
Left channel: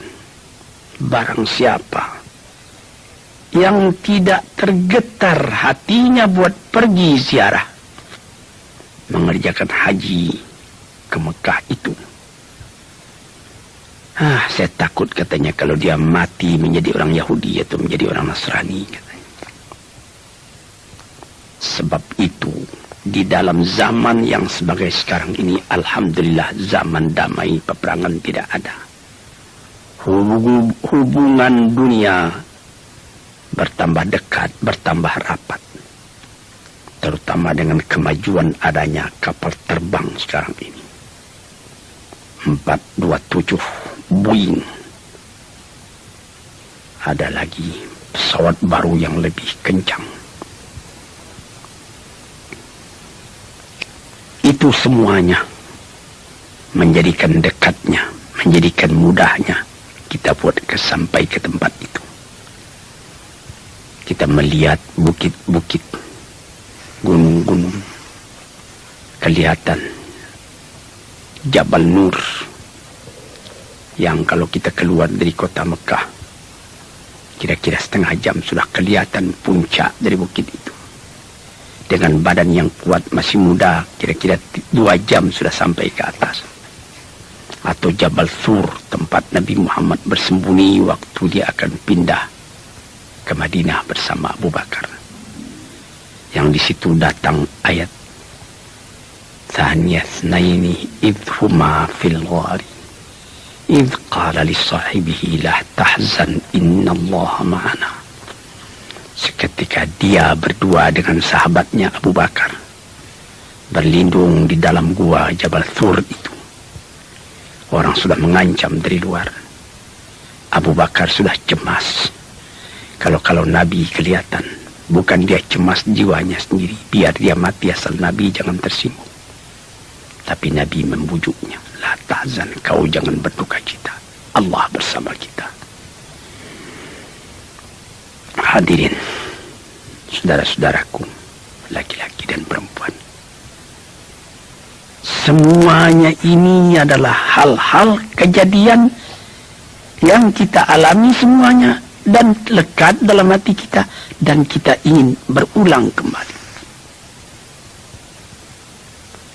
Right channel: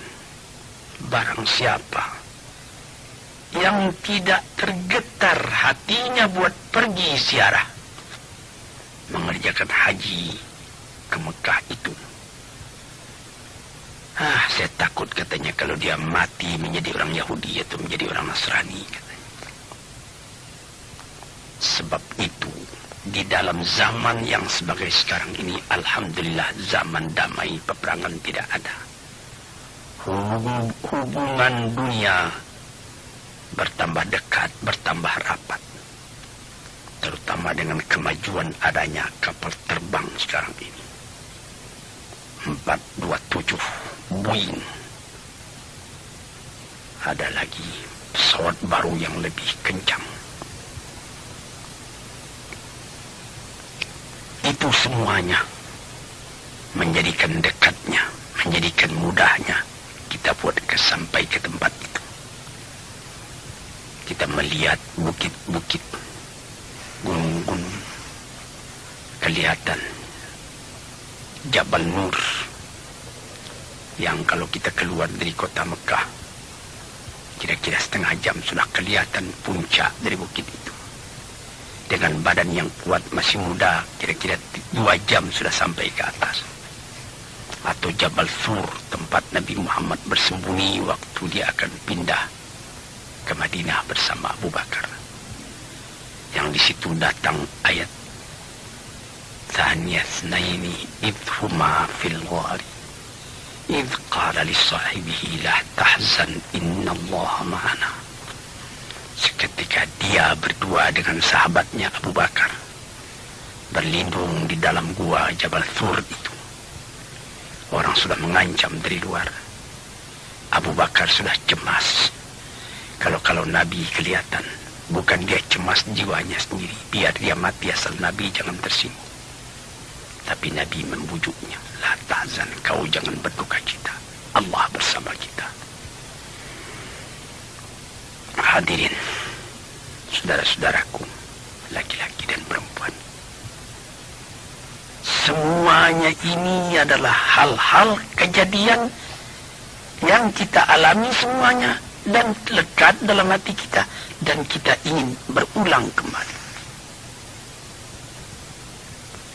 barang siapa yang tidak tergetar hatinya buat pergi ziarah, mengerjakan haji ke Mekah itu, saya takut katanya kalau dia mati menjadi orang Yahudi atau menjadi orang Nasrani. Sebab itu di dalam zaman yang sebagai sekarang ini, alhamdulillah zaman damai, peperangan tidak ada. Hubungan dunia bertambah dekat, bertambah rapat. Terutama dengan kemajuan adanya kapal terbang sekarang ini. 427 Boeing. Ada lagi pesawat baru yang lebih kencang. Itu semuanya menjadikan dekatnya, menjadikan mudahnya kita buat sampai ke tempat itu. Kita melihat bukit-bukit, gunung-gunung, kelihatan Jabal Nur, yang kalau kita keluar dari kota Mekah, kira-kira setengah jam sudah kelihatan puncak dari bukit itu. Dengan badan yang kuat, masih muda, kira-kira 2 jam sudah sampai ke atas. Atau Jabal Sur, tempat Nabi Muhammad bersembunyi waktu dia akan pindah ke Madinah bersama Abu Bakar. Yang di situ datang ayat Thaniyah Naini idhuma fil ghari idh qala li sahibihi la tahzan innallaha ma'ana. Seketika dia berdua dengan sahabatnya Abu Bakar berlindung di dalam gua Jabal Sur itu. Orang sudah mengancam dari luar. Abu Bakar sudah cemas. Kalau Nabi kelihatan, bukan dia cemas jiwanya sendiri, biar dia mati asal Nabi jangan tersinggung. Tapi Nabi membujuknya, la tahzan, kau jangan berduka cita, Allah bersama kita. Hadirin, saudara-saudaraku, laki-laki dan perempuan, semuanya ini adalah hal-hal kejadian yang kita alami semuanya dan lekat dalam hati kita, dan kita ingin berulang kembali.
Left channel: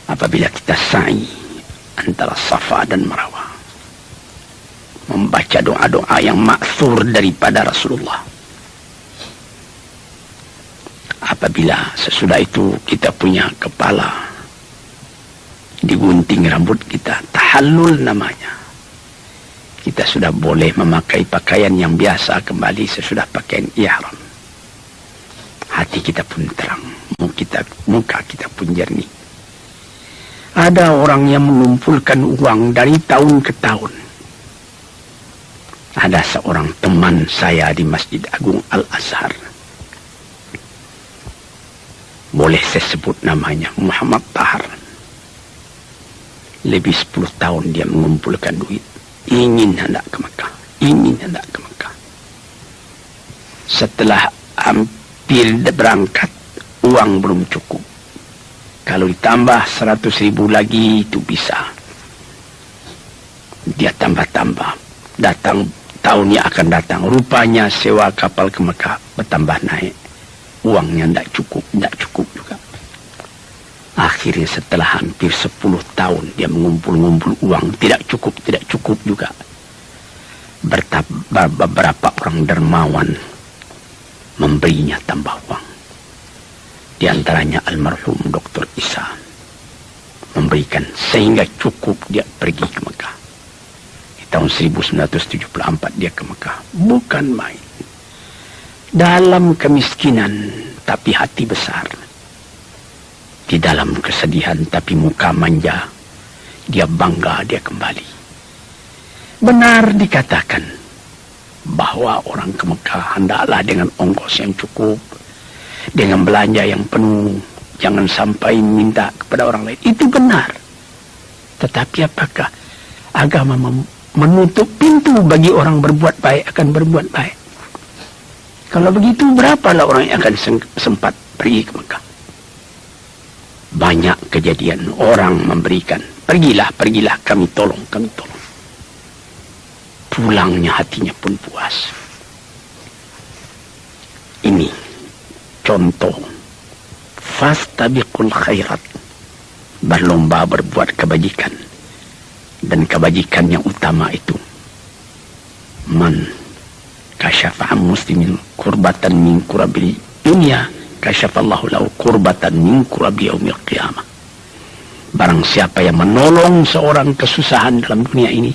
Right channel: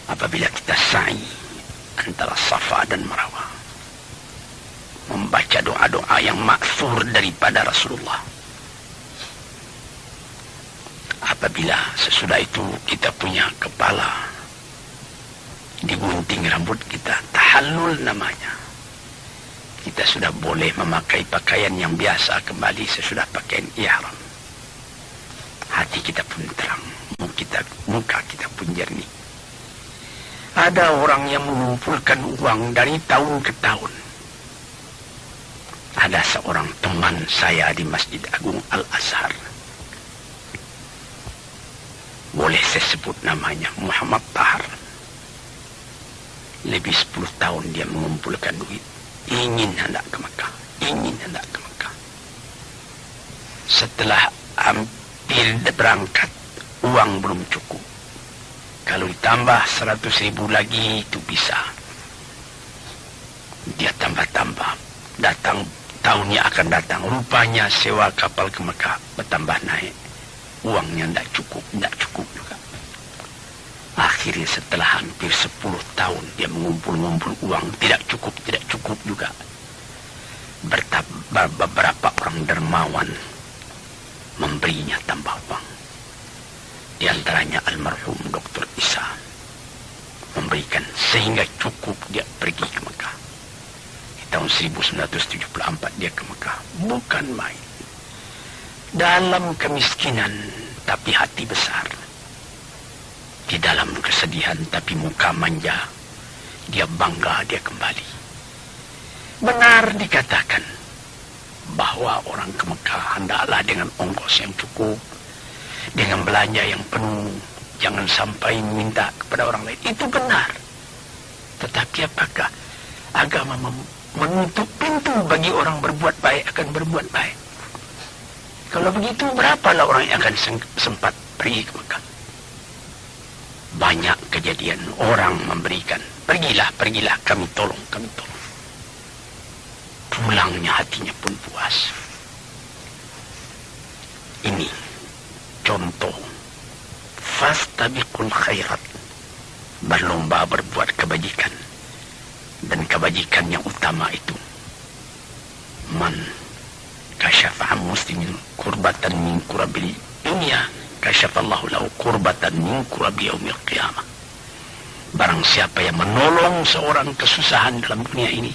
Apabila kita sa'i antara Safa dan Marwah, membaca doa-doa yang maksur daripada Rasulullah. Apabila sesudah itu kita punya kepala digunting rambut kita, tahallul namanya. Kita sudah boleh memakai pakaian yang biasa kembali sesudah pakaian ihram. Hati kita pun terang, muka kita pun jernih. Ada orang yang mengumpulkan uang dari tahun ke tahun. Ada seorang teman saya di Masjid Agung Al-Azhar. Boleh saya sebut namanya, Muhammad Tahar. Lebih 10 tahun dia mengumpulkan duit. Ingin hendak ke Mekah. Ingin hendak ke Mekah. Setelah hampir berangkat, uang belum cukup. Kalau ditambah 100.000 lagi itu bisa. Dia tambah-tambah. Datang tahun yang akan datang. Rupanya sewa kapal ke Mekah bertambah naik. Uangnya tidak cukup juga. Akhirnya setelah hampir 10 tahun dia mengumpul uang, tidak cukup juga. Beberapa orang dermawan memberinya tambah uang. Di antaranya almarhum Dr. Isa memberikan sehingga cukup dia pergi ke Mekah. Di tahun 1974 dia ke Mekah. Bukan main. Dalam kemiskinan tapi hati besar. Di dalam kesedihan tapi muka manja. Dia bangga dia kembali. Benar dikatakan bahwa orang ke Mekah hendaklah dengan ongkos yang cukup, dengan belanja yang penuh, jangan sampai minta kepada orang lain. Itu benar. Tetapi apakah agama menutup pintu bagi orang berbuat baik akan berbuat baik? Kalau begitu berapalah orang yang akan sempat pergi ke Mekah? Banyak kejadian orang memberikan, pergilah, kami tolong. Pulangnya hatinya pun puas. Ini contoh fastabiqul khairat, berlomba berbuat kebajikan, dan kebajikan yang utama itu man kasyafa muslimin kurbatan min kurabil dunia kasyafallahu lahu kurbatan min kurabil yaumil qiyamah. Barang siapa yang menolong seorang kesusahan dalam dunia ini,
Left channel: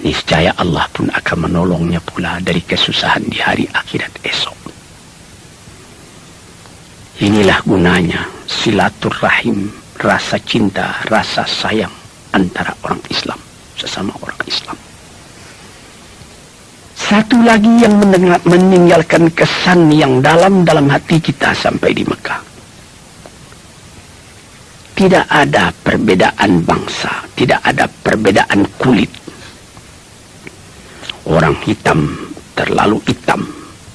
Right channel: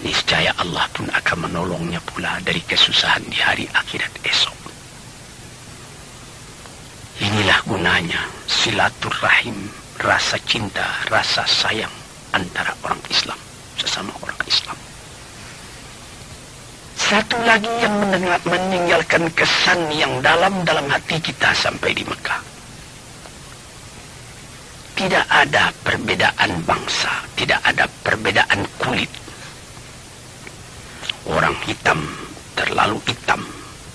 niscaya Allah pun akan menolongnya pula dari kesusahan di hari akhirat esok. Inilah gunanya silaturahim, rasa cinta, rasa sayang antara orang Islam sesama orang Islam. Satu lagi yang meninggalkan kesan yang dalam hati kita sampai di Mekah. Tidak ada perbedaan bangsa, tidak ada perbedaan kulit. Orang hitam terlalu hitam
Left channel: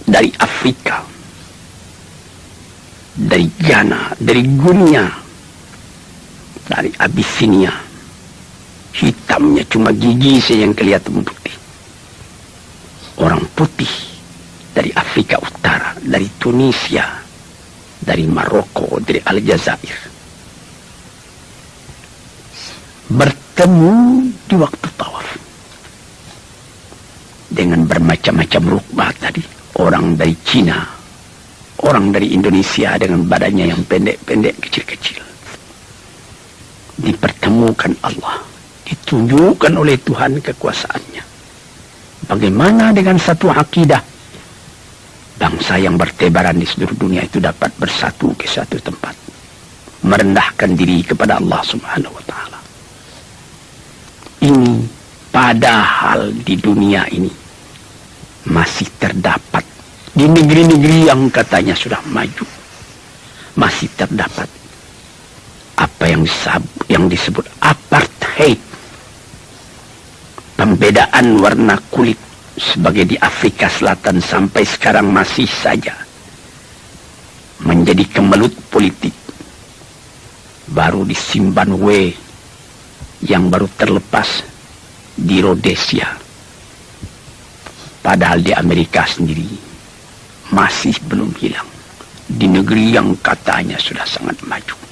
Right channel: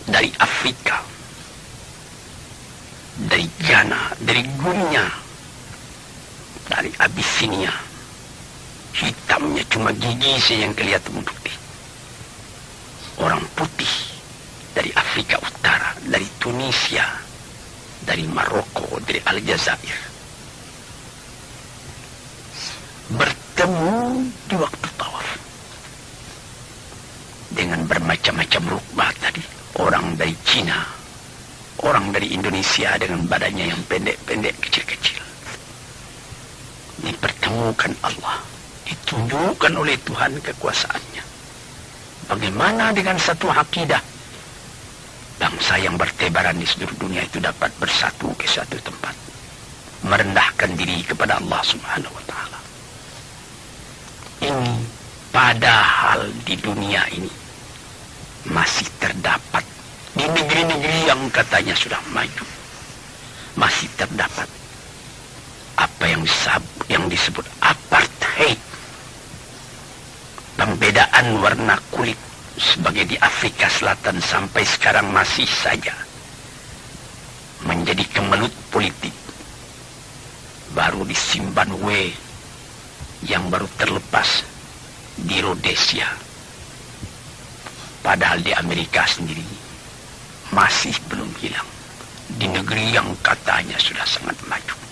dari Afrika, dari Ghana, dari Guinea, dari Abyssinia. Hitamnya cuma gigi yang kelihatan putih. Orang putih dari Afrika Utara, dari Tunisia, dari Maroko, dari Aljazair, bertemu di waktu tawaf dengan bermacam-macam rukbah tadi. Orang dari Cina, orang dari Indonesia dengan badannya yang pendek-pendek, kecil-kecil. Dipertemukan Allah, ditunjukkan oleh Tuhan kekuasaannya. Bagaimana dengan satu akidah, bangsa yang bertebaran di seluruh dunia itu dapat bersatu di satu tempat, merendahkan diri kepada Allah Subhanahu wa Ta'ala. Ini padahal di dunia ini masih terdapat, di negeri-negeri yang katanya sudah maju, masih terdapat apa yang disebut apartheid. Pembedaan warna kulit sebagai di Afrika Selatan sampai sekarang masih saja menjadi kemelut politik. Baru di Zimbabwe yang baru terlepas, di Rhodesia. Padahal di Amerika sendiri masih belum hilang. Di negeri yang katanya sudah sangat maju.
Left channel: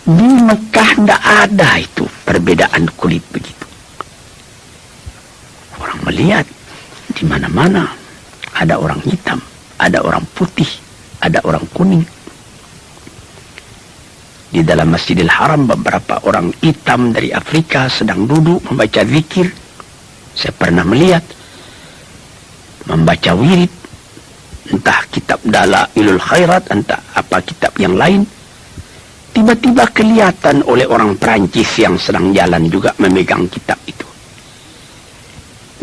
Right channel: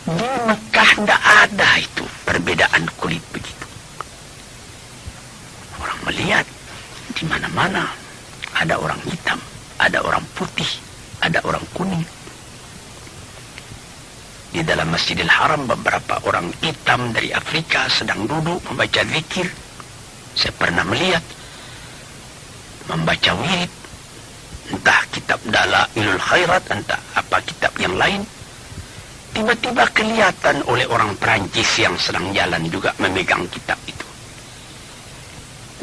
Di Mekah tidak ada itu perbedaan kulit begitu. Orang melihat di mana-mana ada orang hitam, ada orang putih, ada orang kuning. Di dalam Masjidil Haram beberapa orang hitam dari Afrika sedang duduk membaca zikir. Saya pernah melihat membaca wirid, entah kitab Dalailul Khairat, entah apa kitab yang lain. Tiba-tiba kelihatan oleh orang Perancis yang sedang jalan juga memegang kitab itu.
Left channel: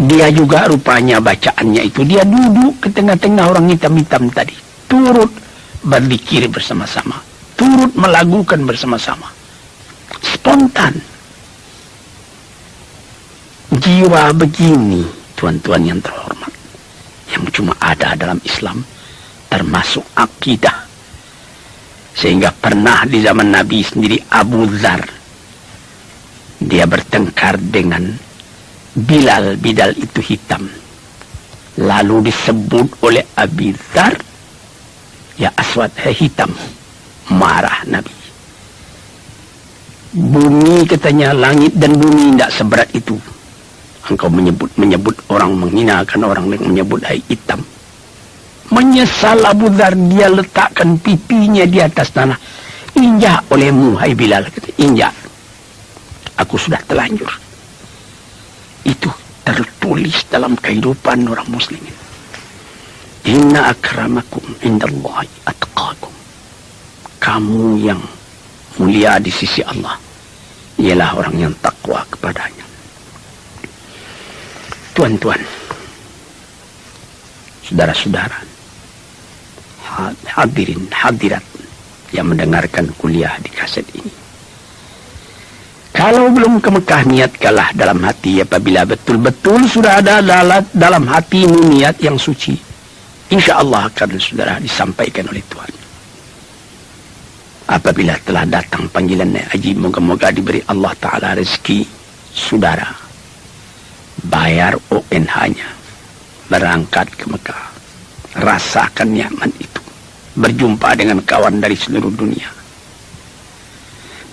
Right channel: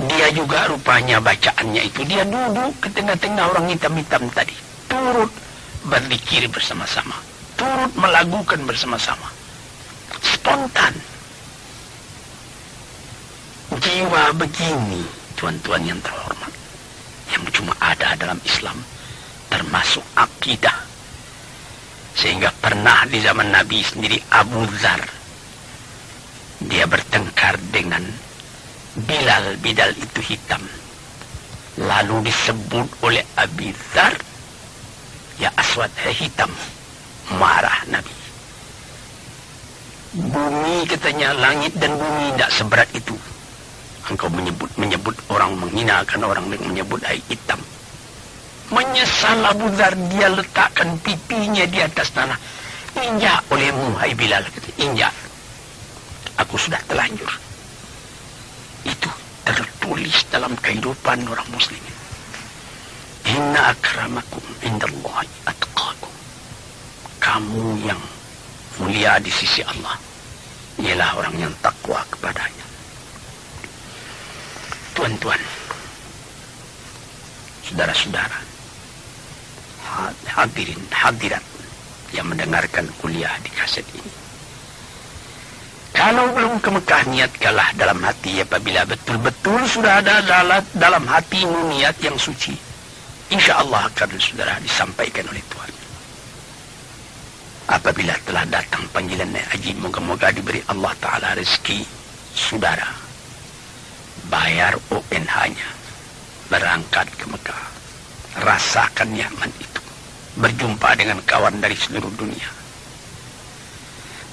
Dia juga rupanya bacaannya itu, dia duduk ke tengah-tengah orang hitam-hitam tadi, turut berzikir bersama-sama, turut melagukan bersama-sama. Spontan. Jiwa begini, tuan-tuan yang terhormat, yang cuma ada dalam Islam, termasuk akidah. Sehingga pernah di zaman Nabi sendiri Abu Dzar, dia bertengkar dengan Bilal. Bilal itu hitam. Lalu disebut oleh Abu Dzar, ya aswad, hitam. Marah Nabi. Bumi katanya, langit dan bumi tidak seberat itu. Engkau menyebut orang, menghinakan orang dengan menyebut hai hitam. Menyesal Abu Dzar, dia letakkan pipinya di atas tanah. Injak olehmu, hai Bilal. Injak. Aku sudah telanjur. Itu tertulis dalam kehidupan orang muslim. Inna akramakum indallahi atqakum. Kamu yang mulia di sisi Allah ialah orang yang takwa kepadanya. Tuan-tuan, saudara-saudara, hadirin hadirat yang mendengarkan kuliah di kaset ini. Kalau belum ke Mekah, niatkanlah dalam hati apabila betul-betul sudah ada dalam hati ini niat yang suci. Insya Allah akan saudara disampaikan oleh Tuhan. Apabila telah datang panggilan naik haji, moga-moga diberi Allah Ta'ala rezeki saudara. Bayar ONH-nya. Berangkat ke Mekah. Rasakan nyaman itu. Berjumpa dengan kawan dari seluruh dunia.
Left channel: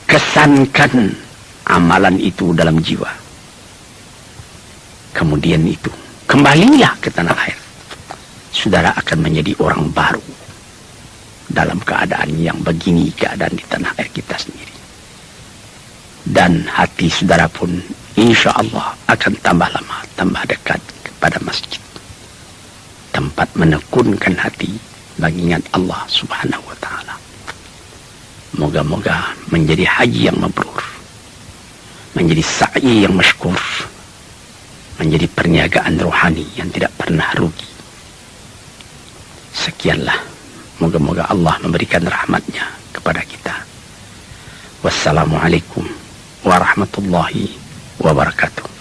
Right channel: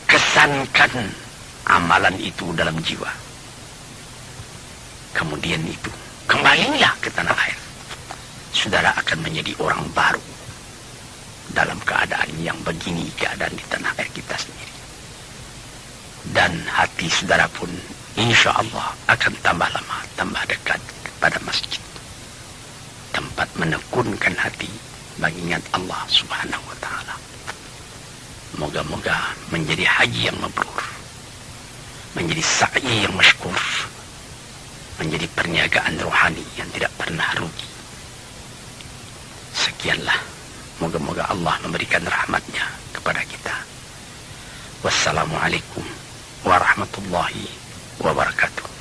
Kesankan amalan itu dalam jiwa. Kemudian itu, kembalilah ke tanah air. Saudara akan menjadi orang baru. Dalam keadaan yang begini, keadaan di tanah air kita sendiri. Dan hati saudara pun insya Allah akan tambah lama, tambah dekat kepada masjid. Tempat menekunkan hati baginya Allah Subhanahu wa Ta'ala. Moga-moga menjadi haji yang mabrur, menjadi sa'i yang masykur, menjadi perniagaan rohani yang tidak pernah rugi. Sekianlah, moga-moga Allah memberikan rahmatnya kepada kita. Wassalamualaikum warahmatullahi wabarakatuh.